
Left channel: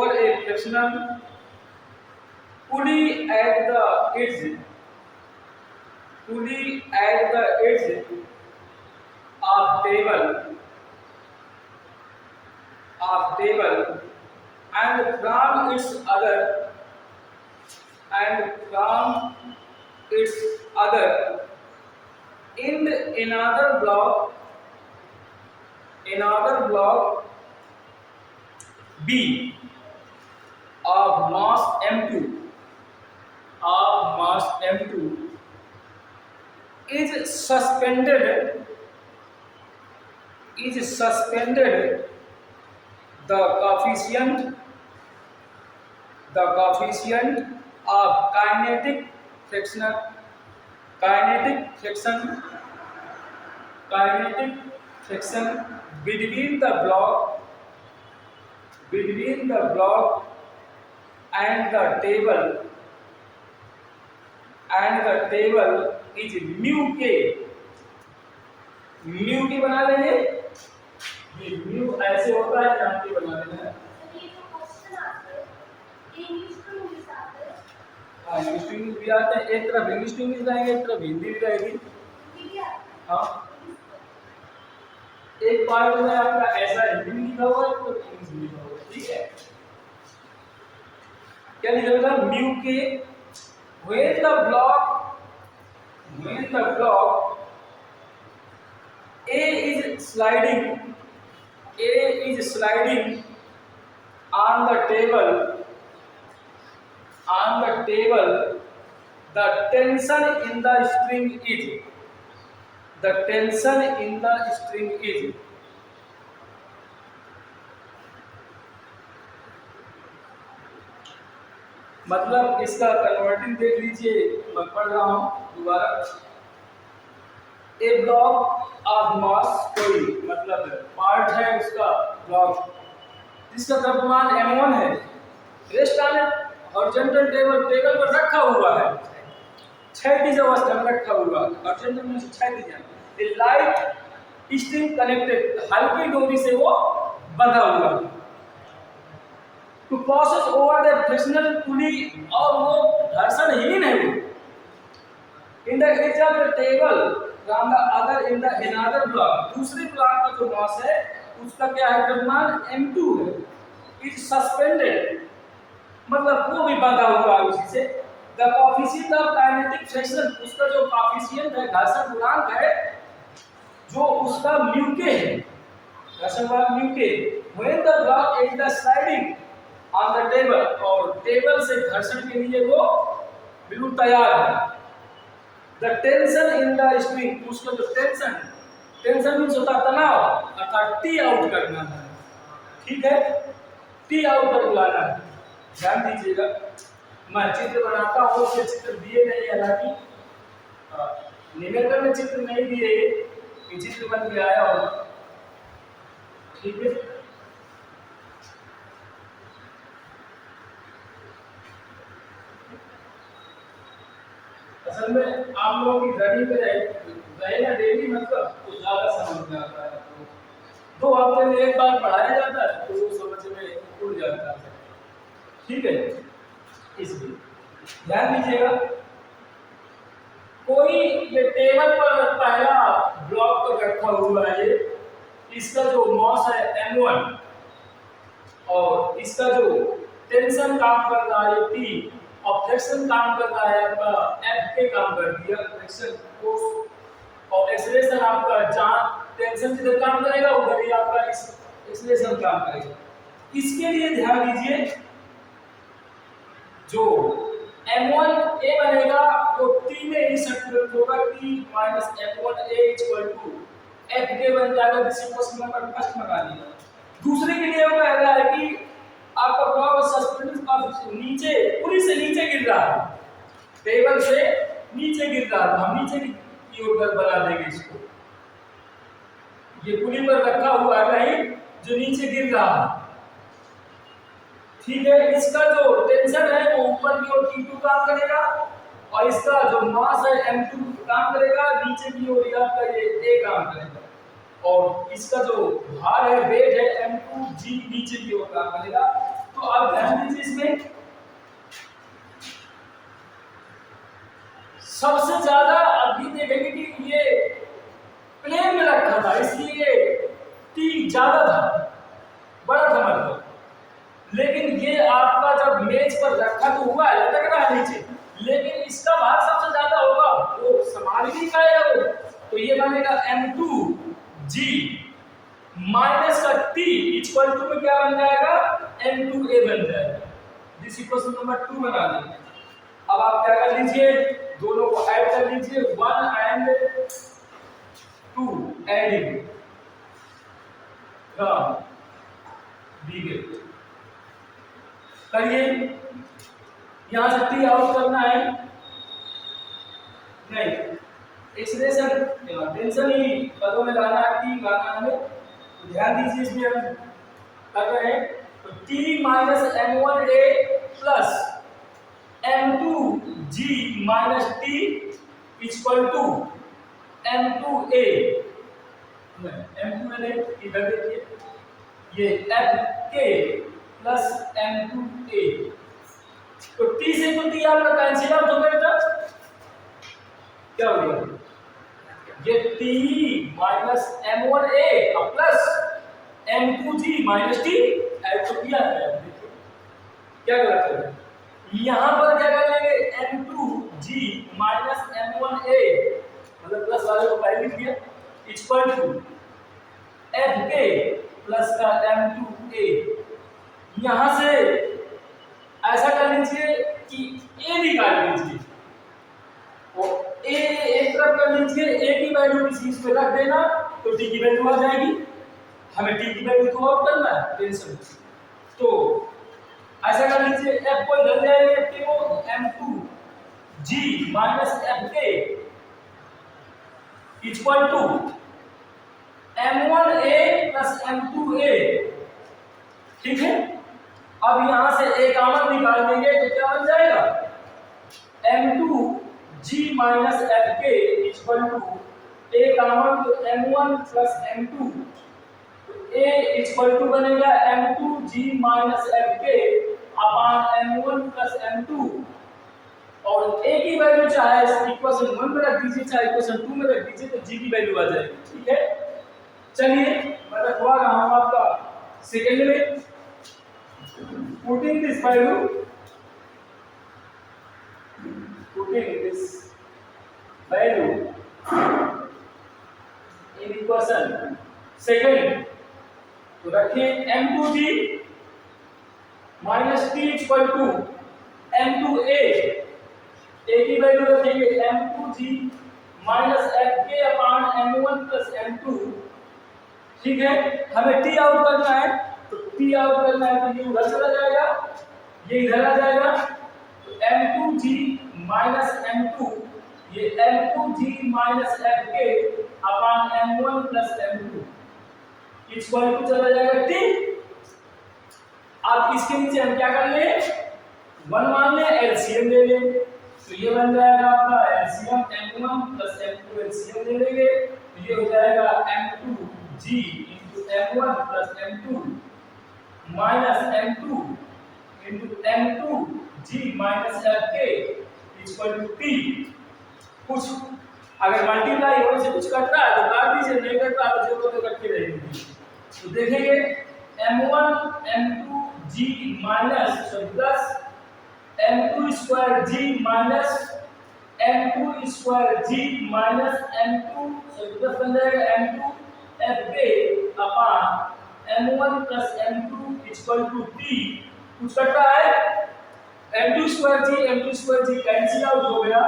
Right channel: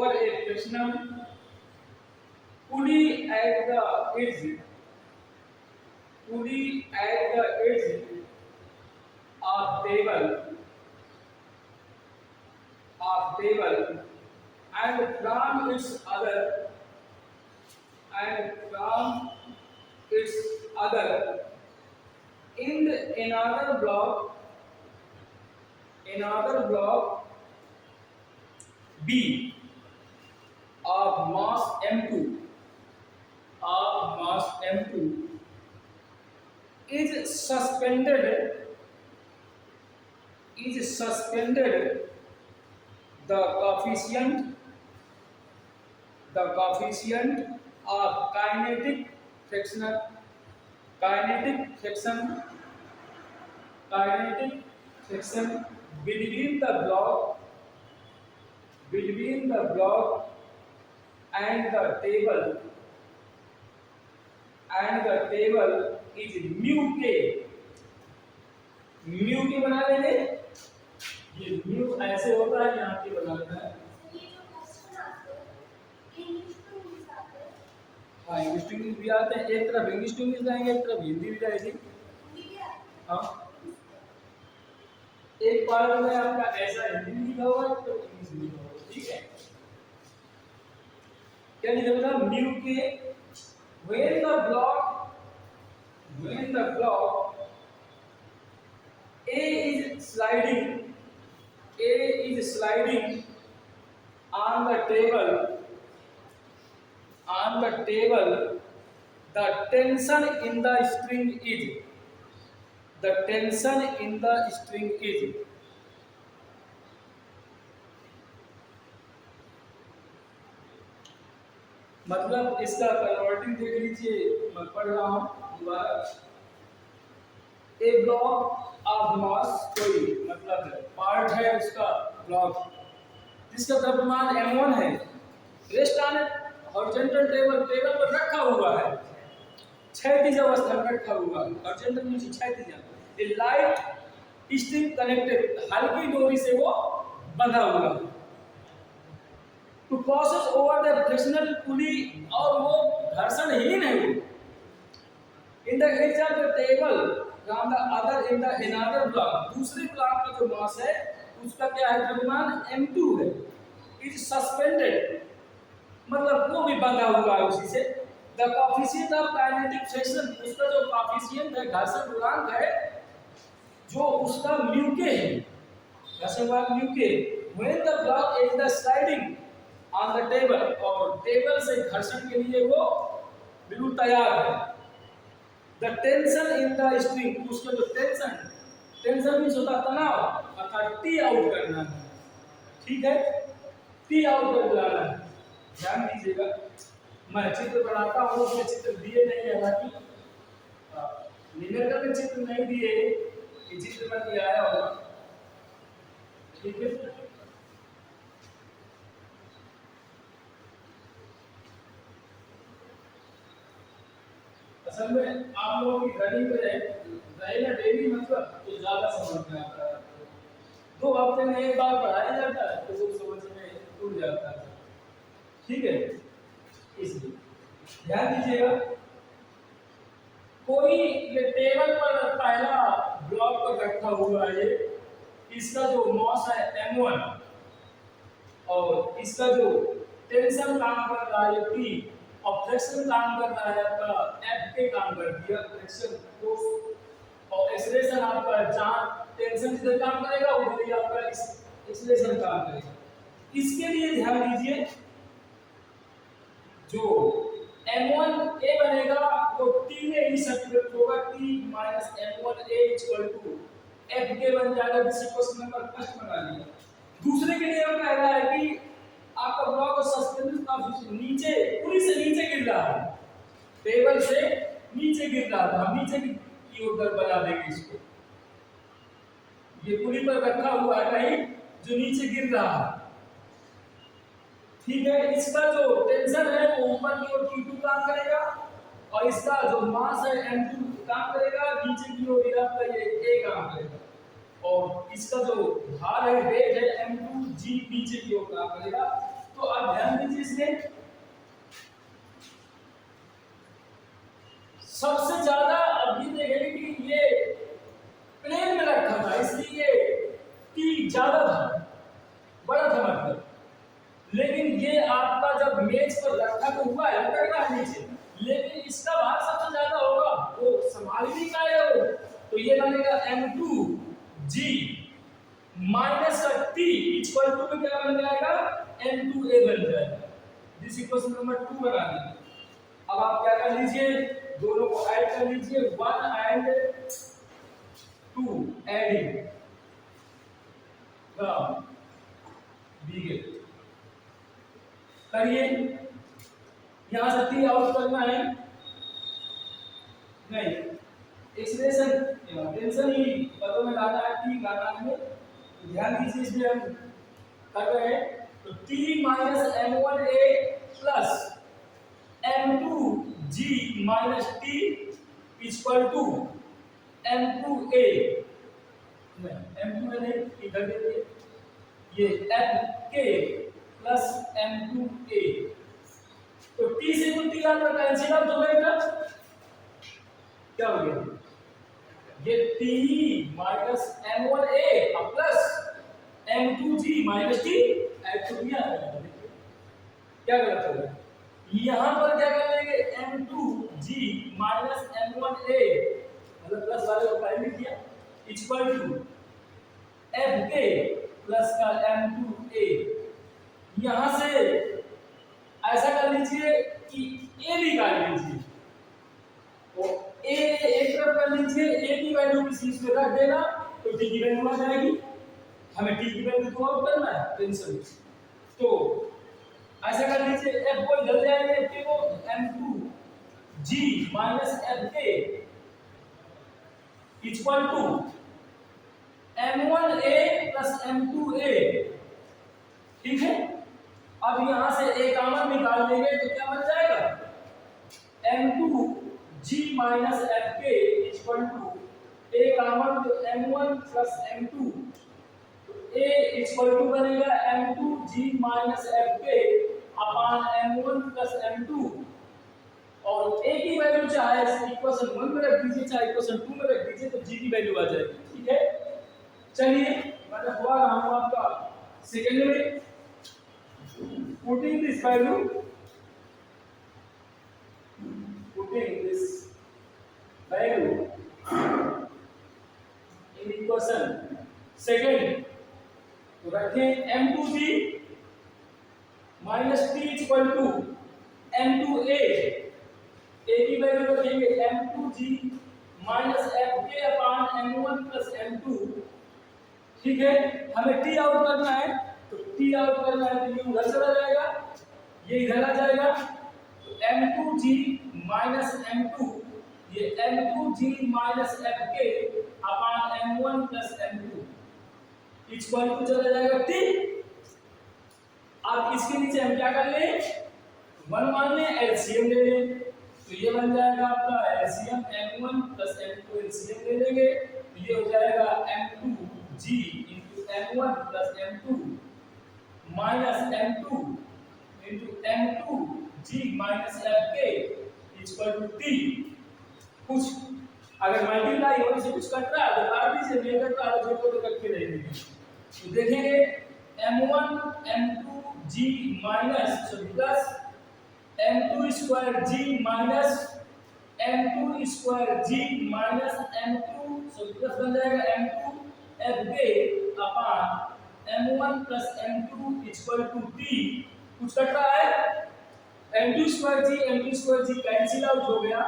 a frictional pulley at the edge of of table and from its other in another block B of mass M2 is suspended the coefficient of kinetic friction between the block and the table is mu k बना लेंगे। ये mu ऐसे होता है, यहाँ के बना लेना है। हाँ, इंग्लिश टू इंग्लिश भी आते हैं, एक तरफ इंग्लिश टू इंग्लिश रहेंगे, एक तरफ हिंदी भी रहेगी। हाँ, एक पार्ट में आपका ऐसा हिंदी में लिखा हुआ है, तो इंग्लिश में लिखा हुआ है, ठीक है। क्या लिखा हुआ है? म्यू के when the block A is sliding on the table, the tension in the string is मतलब इसका कन्वर्टिंग देख लीजिए, मैं पढ़ रहा हूं दोबारा। ए ब्लॉक ऑफ मास, कोई मतलब पार्ट है उसका ब्लॉक जिसका द्रव्यमान m1 है, रेस्ट ऑन हॉरिजॉन्टल टेबल पर रखा हुआ है, क्षैतिज अवस्था में रखा हुआ है, हॉरिजॉन्टल में क्षैतिज है। ए लाइट स्ट्रिंग कनेक्टेड, हल्की डोरी से वो बंधा हुआ है। To process over the frictional pulley, और वो घर्षणहीन है। In the example table from the other in the another block, दूसरे ब्लॉक का जो मास है उसका क्या है, द्रव्यमान m2 है, इज सस्पेंडेड, मतलब वो भी बंधा हुआ है उसी से। The coefficient of kinetic friction, उसका जो कोएफिशिएंट है, घर्षण गुणांक है, जो उसका म्यू के है, घर्षण गुणांक म्यू के। When the block is the sliding on the table, और टेबल से घर्षण के लिए वो बिल्कुल तैयार है। The tension in the string, उसका जो टेंशन मींस होता है तनाव, अर्थात टी आउट करना है, ठीक है, टी आउट कर बुलाना है। ध्यान दीजिएगा, मैं चित्र बनाता हूँ, ये चित्र दिए नहीं, हालांकि न्यूमेरिकल में चित्र नहीं दिए, ये चित्र बन के आया होगा, ठीक है। असल में आप लोगों की घड़ी पे रहे ना डेली, मतलब तो ज़्यादा समझ में आता है आपको। 2 हफ्ते में एक बार पढ़ाया जाता है तो वो समझ में उड़ जाता है, ठीक है। इसलिए ध्यान दीजिएगा, कोई ये टेबल पर पहला ब्लॉक पर रखा हुआ है, ये इसका जो मास है m1, और इसका जो टेंशन काम कर रहा है T, और फ्रिक्शन काम कर रहा है आपका F के काम कर दिया, फ्रिक्शन फोर्स, और एक्सेलरेशन आपका जहाँ टेंशन जिधर काम करेगा उधर ही आपका एक्सेलरेशन काम करेगा। इसके लिए ध्यान दीजिए, जो m1 a बनेगा वो T में इंसर्ट होगा, T minus m1a equal to F के बन जाएगा, जिसे क्वेश्चन नंबर फर्स्ट में बना दिया। दूसरे के लिए वो कह रहा है कि आपका ब्लॉक सस्पेंडेड काफी नीचे, पुली से नीचे गिर रहा है, टेबल से नीचे गिर रहा है, हम नीचे की ओर बना देंगे इसको। ये पुली पर रखा हुआ है कहीं जो नीचे गिर रहा है, ठीक है। इसका जो टेंशन है वो ऊपर की ओर T2 काम करेगा, और इसका जो मास है M2 काम करेगा, नीचे की ओर आपका ये A काम करेगा, और इसका जो भार है, वेट है M2G, नीचे की ओर काम करेगा। तो आप ध्यान दीजिए, इसमें सबसे ज्यादा अभी देखेंगे कि ये प्लेन में रखा था, इसलिए T ज्यादा था, बड़ा था मेज पर रखा तो हुआ है, लटक रहा है नीचे, लेकिन इसका भार सबसे ज्यादा होगा, वो संभाल ही नहीं पाएगा वो। तो ये बनेगा M2G माइनस का T इक्वल टू में क्या बन जाएगा, M2A बन जाएगा। दिस इक्वेशन नंबर 2 बना लेंगे। अब आप क्या कर लीजिए, दोनों को ऐड कर लीजिए, 1 and 2 एडिंग फ्रॉम बीगे करिए। यहां से टी आउट करना है, नहीं एक्सप्रेशन टेंशन ही पदों में लाना है, टी लाना है, तो ध्यान दीजिए इसमें हम कर रहे हैं। तो T minus M1A plus M2G minus T equal to M2A, M2A नहीं, इधर देखिए, ये FK प्लस M2A। तो T से तो T आपका कैंसिल आउट हो गया, क्या हो गया, ये T minus M1A plus M2G minus T add तो किया है। देखिए क्या गलत है, यहां पर क्या कर लेंगे, M2G माइनस M1A मतलब प्लस वाले को पहले लिख दिया इक्वल टू FK प्लस का M2A। यहां से ऐसा कर लीजिए कि A निकाल लीजिए और A एक तरफ कर लीजिए, A की वैल्यू किसी इसमें रख देना तो T की वैल्यू आ जाएगी। हमें T की वैल्यू को आउट करना है टेंशन, तो ऐसा कर लीजिए, F को इधर ले आएंगे, F को M2G minus FK equal to M1A plus M2A, ठीक है। अब यहां से A कॉमन निकाल देंगे तो क्या बन जाएगा, M2G minus FK equal to A common तो M1 plus M2, A equal to बनेगा M2G minus FK upon M1 plus M2, और A की वैल्यू चाहे इक्वेशन 1 में रख दीजिए चाहे इक्वेशन 2 में रख दीजिए, तो G की वैल्यू आ जाएगी, ठीक है। चलिए मैं रखवा रहा हूं आपका सेकेंड में, putting this value, putting this value in equation second, तो रखिए M2G minus T equal to M2A, A की वैल्यू रखेंगे M2G minus FK upon M1 plus M2, ठीक है। हमें T आउट करना है, तो T आउट करना है तो ये उधर चला जाएगा, ये इधर आ जाएगा, तो M2G माइनस M2, ये M2G minus FK upon M1 plus M2 equal to चला जाएगा T। अब इसके नीचे हम क्या कर ले, 1 मान ले, एलसीएम ले ले, तो ये बन जाएगा आपका LCM M1 plus M2, LCM ले लेंगे तो ये हो जाएगा M2G into M1 plus M2 minus M2 into M2G minus FK equal to T। कुछ अगर मल्टीप्लाई होने से कुछ कटता है तो काट दीजिए, नहीं कटता तो जो को तो कट के रहेगी। तो देखेंगे M1 M2G minus sorry plus M2 square G minus M2 square G minus M2 sorry plus बन जाएगा M2 FK upon M1 plus M2 equal to T। कुछ कटता है, M2 square G cancel out हो गया,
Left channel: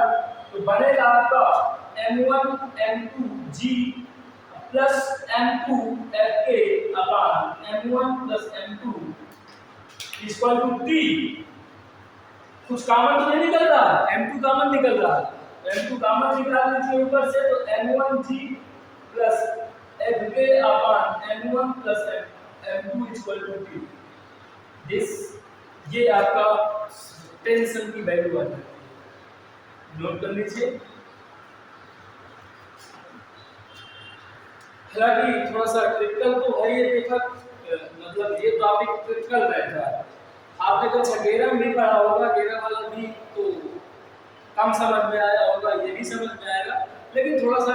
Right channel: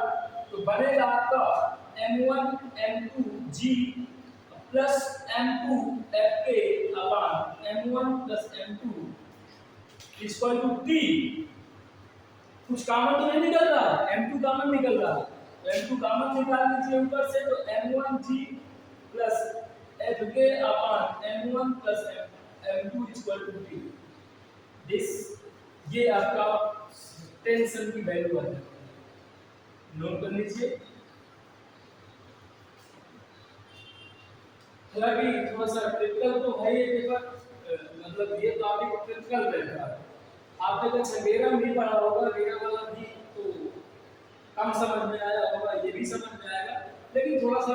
तो बनेगा आपका M1 M2G plus M2 FK upon M1 plus M2 equal to T। कुछ कॉमन तो नहीं निकल रहा, M2 कॉमन निकल रहा है, M2 कॉमन निकाल लीजिए ऊपर से, तो M1G plus FK upon M1 plus M2 equal to T। This ये आपका टेंशन की वैल्यू आ जाएगी, नोट कर लीजिए। हालांकि थोड़ा सा क्रिटिकल तो है ये पेपर, मतलब ये टॉपिक क्रिटिकल रहता है। आपने कल छगेरा में भी पढ़ा होगा, गेरा वाला भी तो कम समझ में आया होगा, ये भी समझ में आएगा, लेकिन थोड़ा सा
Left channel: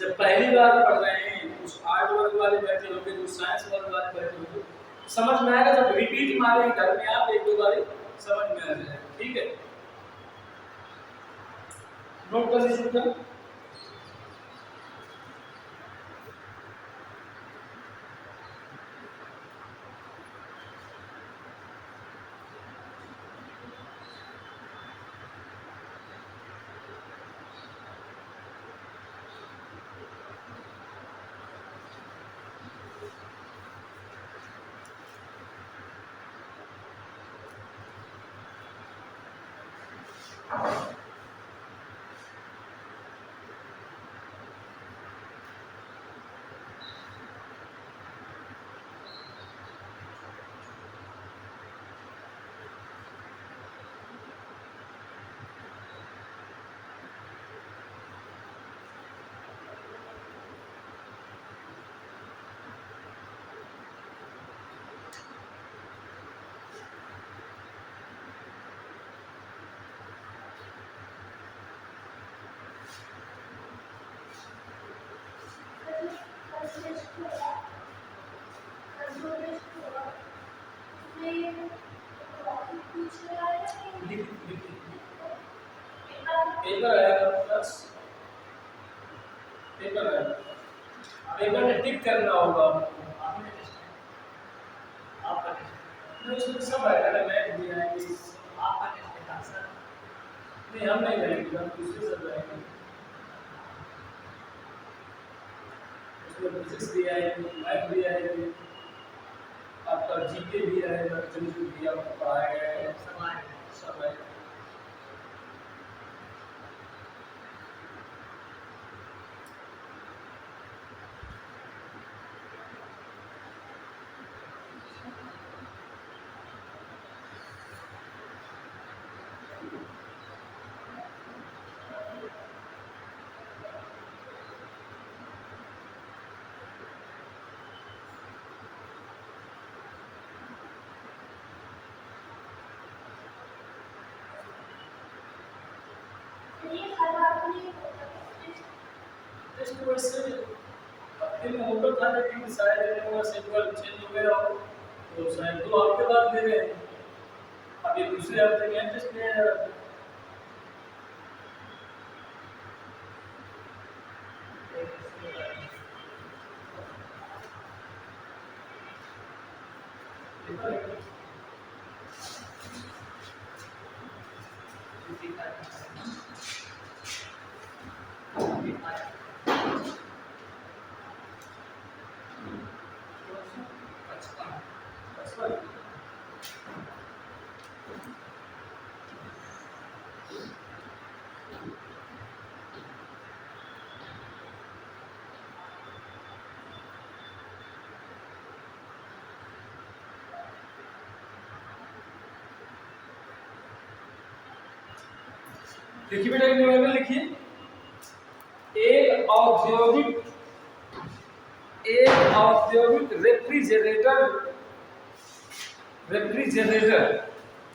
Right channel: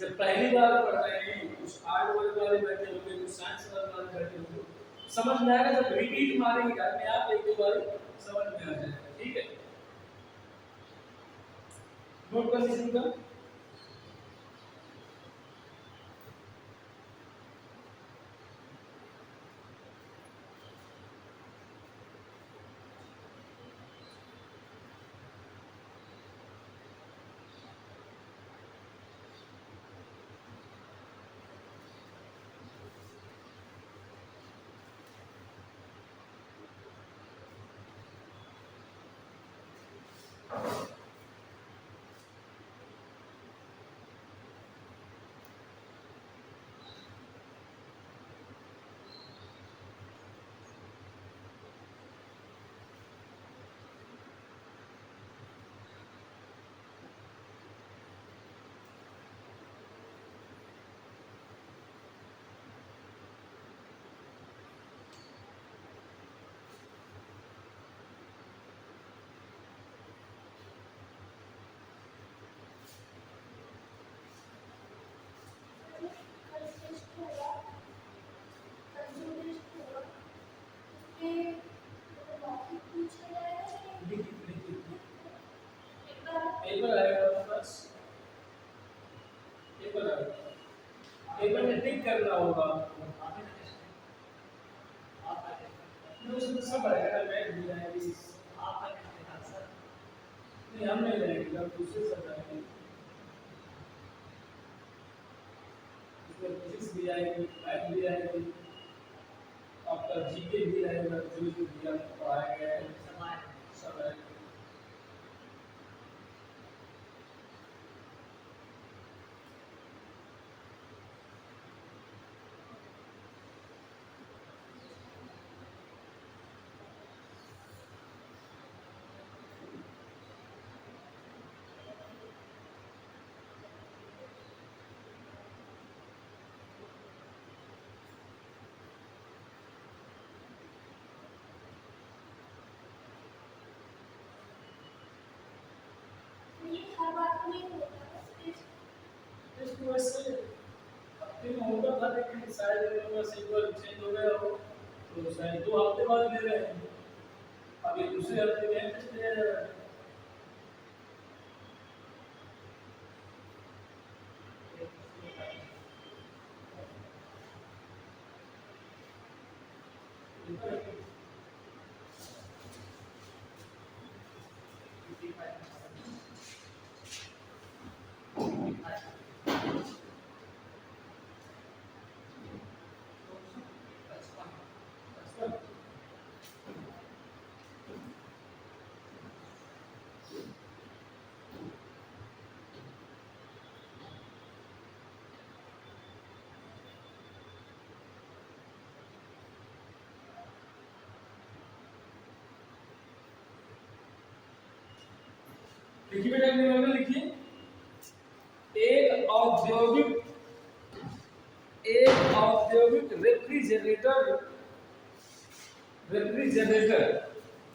जब पहली बार पढ़ रहे हैं, कुछ आर्ट वर्ग वाले बैठे होंगे, कुछ साइंस वर्ग वाले बैठे होंगे, समझ में आएगा, जब रिपीट मारेंगे घर में आप एक दो बार समझ में आ जाएगा। ठीक है, नोट कर लीजिए। पेपर आएगा बस, पेपर आएगा, पेपर में टिक करना होगा। नहीं उसमें सब आएगा ना, मैथ भी आएगी। नहीं हम नहीं रहेंगे, हम दूसरे सब रहेंगे। उसमें फिजिक्स भी आएगी, मैथ भी आएगी, आपका जीके भी आएगा, जो जो भी आपको पढ़ाया गया है सब आएगा। टेस्ट वैसे हफ्ते में होता था, लेकिन शायद वो शेड्यूल चेंज हो गया हो, तो शायद 2 हफ्ते बाद ले रहे हैं। अब ये दूसरे हफ्ते में टेस्ट लिया जा रहा है। देखिए बेटा न्यूमेरिकल लिखिए, एक औद्योगिक रेफ्रिजरेटर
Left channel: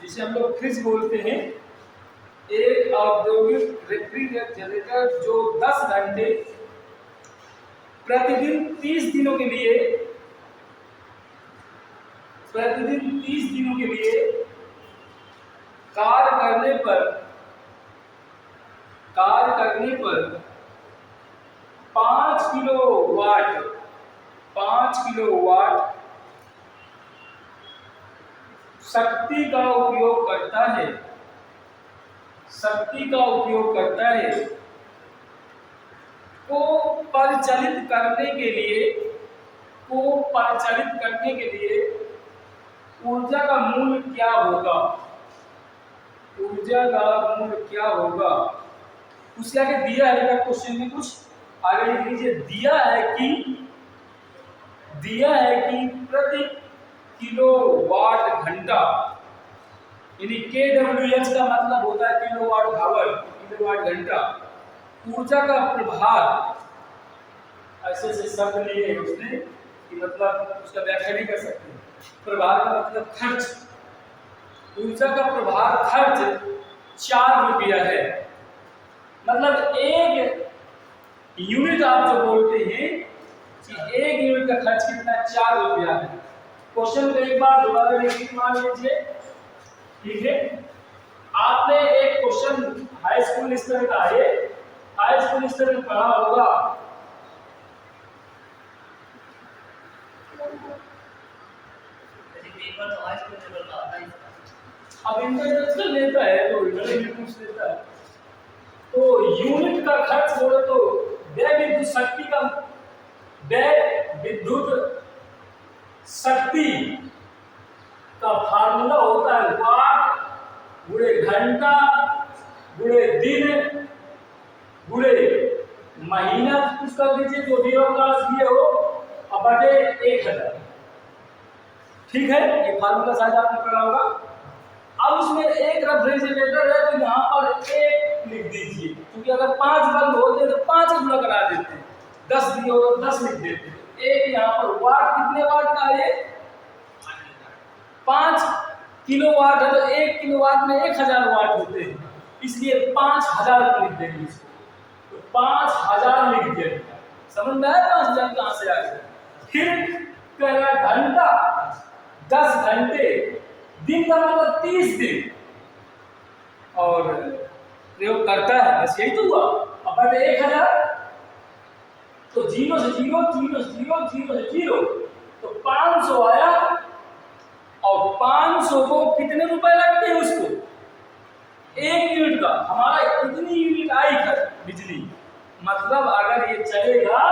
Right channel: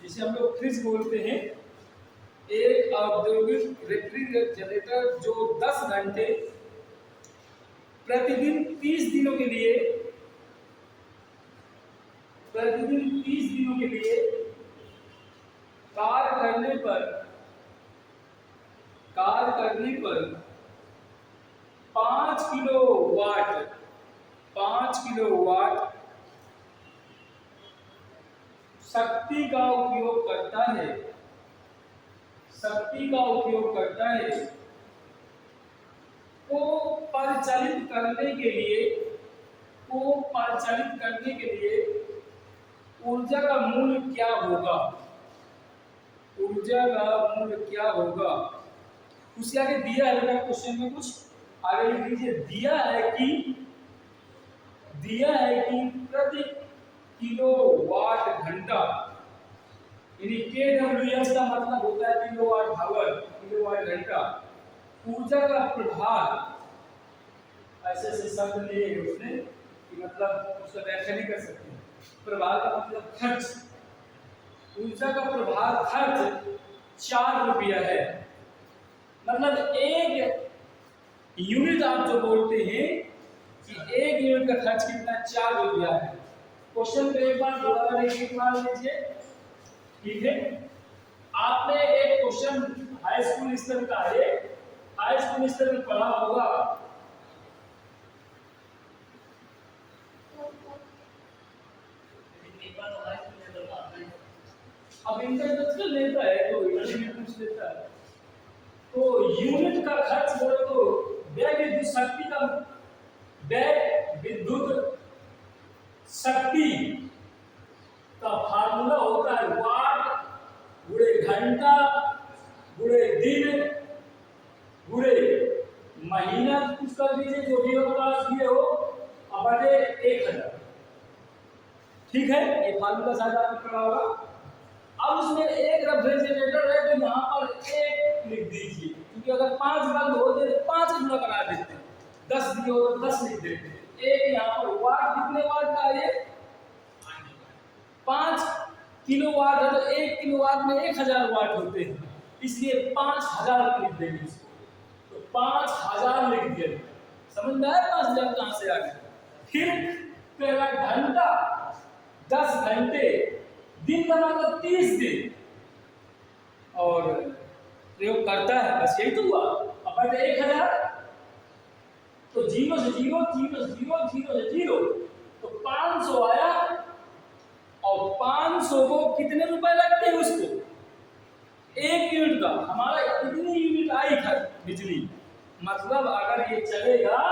जिसे हम लोग फ्रिज बोलते हैं, एक औद्योगिक रेफ्रिजरेटर जो 10 घंटे प्रतिदिन 30 दिनों के लिए कार्य करने पर 5 किलोवाट शक्ति का उपयोग करता है को परिचालित करने के लिए ऊर्जा का मूल्य क्या होगा। उसके आगे दिया है क्वेश्चन में, कुछ आगे लिख लीजिए। दिया है कि प्रति किलोवाट घंटा, यानी KWH का मतलब होता है किलोवाट आवर, किलोवाट घंटा, ऊर्जा का प्रभार। ऐसे शब्द लिए है उसने कि मतलब उसका व्याख्या नहीं कर सकते। प्रभार का मतलब खर्च, ऊर्जा का प्रभार खर्च 4 रुपया है। मतलब एक यूनिट आप जो बोलते हैं कि एक यूनिट का खर्च कितना, 4 रुपया है। क्वेश्चन को एक बार दोबारा रिपीट मान लीजिए, ठीक है। आपने एक क्वेश्चन हाई स्कूल स्तर का है, हाई स्कूल स्तर में पढ़ा होगा। जैसे पेपर तो हाई स्कूल लेवल का आता है इसका। अब इंटरनेशनल लेता है तो यूनिट लेता है, तो यूनिट का खर्च बोले तो व्यय विद्युत शक्ति का, व्यय विद्युत शक्ति का फार्मूला होता है वाट गुणे घंटा गुणे दिन गुणे महीना, कुछ कर दीजिए जो भी होगा दिए हो, और बटे 1000। ठीक है, ये फार्मूला शायद आपने पढ़ा होगा। अब इसमें एक रेफ्रिजरेटर है तो यहाँ पर एक लिख दीजिए, क्योंकि अगर 5 बल्ब होते तो 5 गुना करा देते, 10 दिए हो तो 10 लिख देते। एक यहाँ पर वाट, कितने वाट का है? 5 किलोवाट है तो 1 किलोवाट में 1000 वाट होते हैं, इसलिए 5000 लिख देंगे इसको, तो 5000 लिख दिया। समझ में आया 5000 कहाँ से आ गया? फिर कह रहा घंटा 10 घंटे, दिन का मतलब 30 दिन, और प्रयोग करता है, बस यही तो हुआ। अब बटे 1000 तो 0 से 0 0 से 0 0 से 0 तो 500 आया, और 500 को कितने रुपए लगते हैं उसको? 1 यूनिट का। हमारा इतनी यूनिट आई है बिजली, मतलब अगर ये चलेगा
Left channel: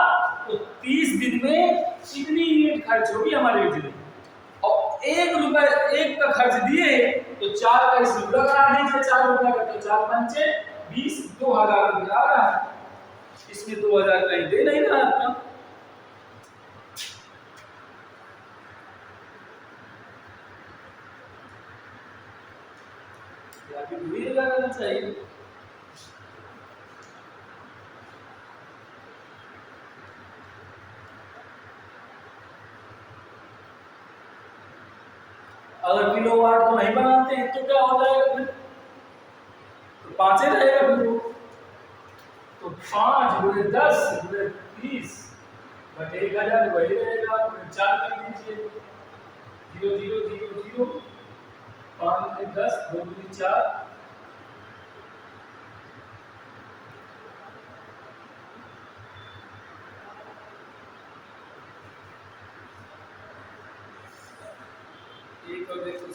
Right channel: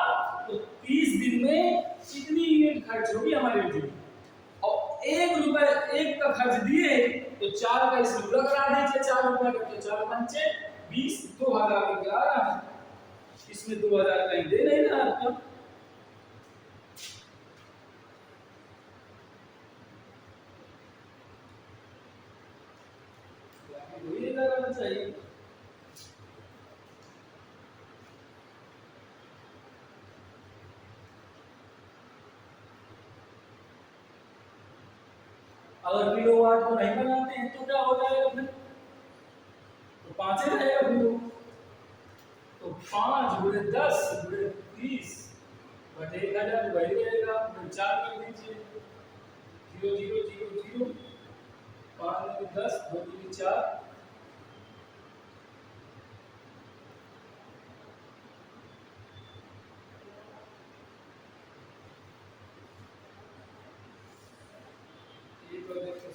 तो 30 दिन में कितनी यूनिट खर्च होगी हमारी बिजली, और 1 रुपए 1 का खर्च दिए तो 4 का इसमें गुणा करा दीजिए, 4 रुपए का तो 4 पंचे 20, 2000 रुपया आ रहा है। इसमें 2000 कहीं दे नहीं रहा आपका। वही लगाना चाहिए। अगर किलोवाट को नहीं बनाते हैं तो क्या हो जाएगा फिर? तो 5 ही रहेगा फिर वो। तो 5 गुणे 10 गुणे 30 बटे 1000 वही रहेगा, फिर 4 कर दीजिए, 0 0 0 0, 5 गुणे 10 2 गुणे 4, एक और देखो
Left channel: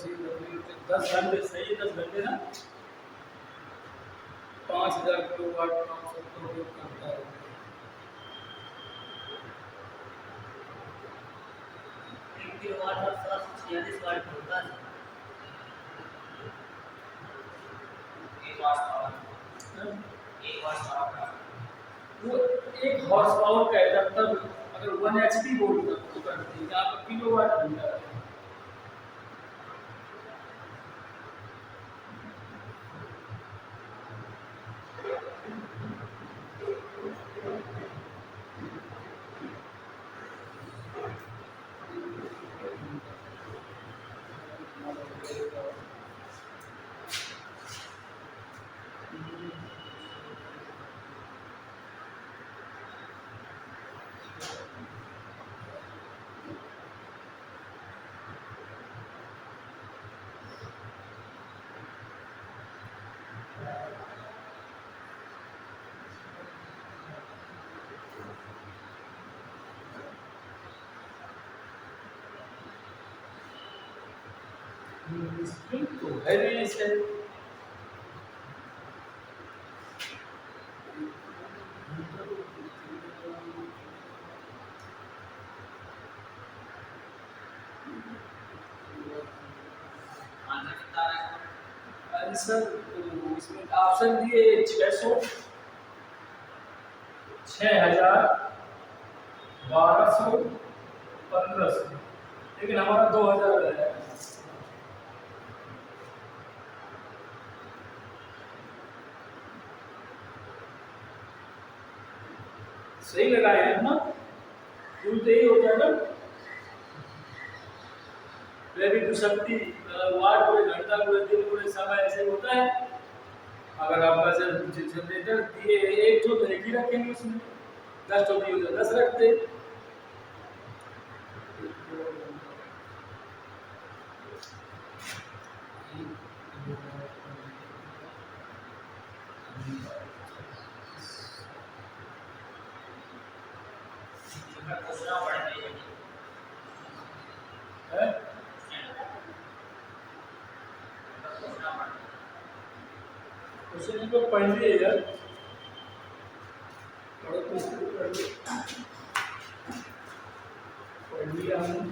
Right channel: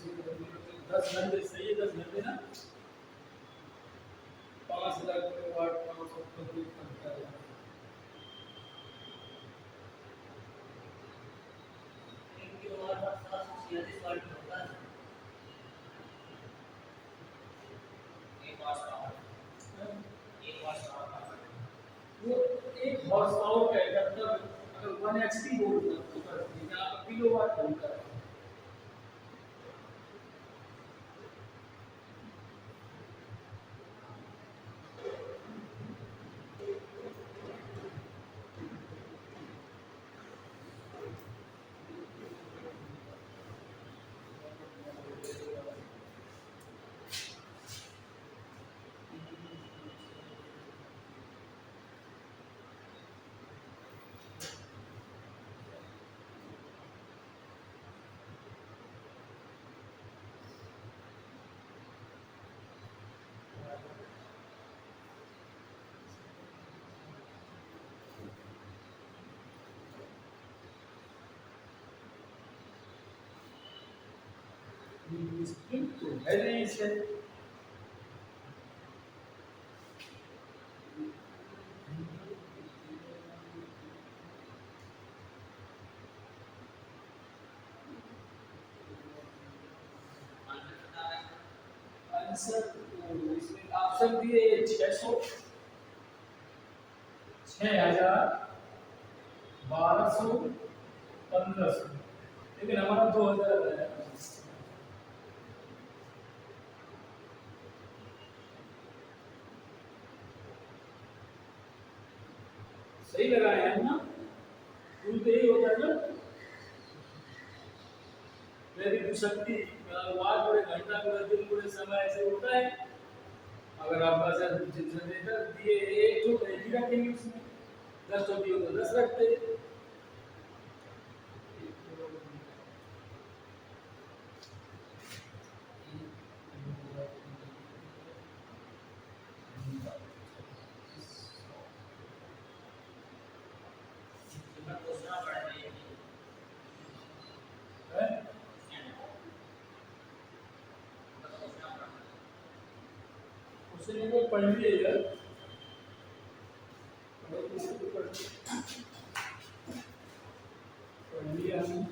10 घंटे सही है, 10 घंटे ना 5000 किलोवाट का औसत उपयोग करता है। एक किलोवाट और 746 वाट का होता है। एक वाट पावर, एक वाट पावर वो 1 हॉर्स पावर का है, तब अगर 1 एचपी बोर्ड का तो करते हैं, यहाँ पर किलोवाट घंटा है। तो है नहीं इसे। आंसर तो इसमें ऑप्शन दिए 600, 6000, 1200, 1500, लेकिन हमारा 2000 है। सही लगाए हैं ना, रूल तो यही होता है ना। विद्युत शक्ति वाट गुणे घंटा गुणे दिन गुणे समय ऐसे होता है। अगर आपका जनरेटर दिए 1 तो 1 ही रखेंगे, उसमें 10 तो दिए तो 10 रखते। मैं पूछना पड़ेगा है पूछना पड़ेगा क्वेश्चन पेपर पढ़ लिए यार, थोड़ा क्वेश्चन पढ़ लिए, पढ़ लिया हमने।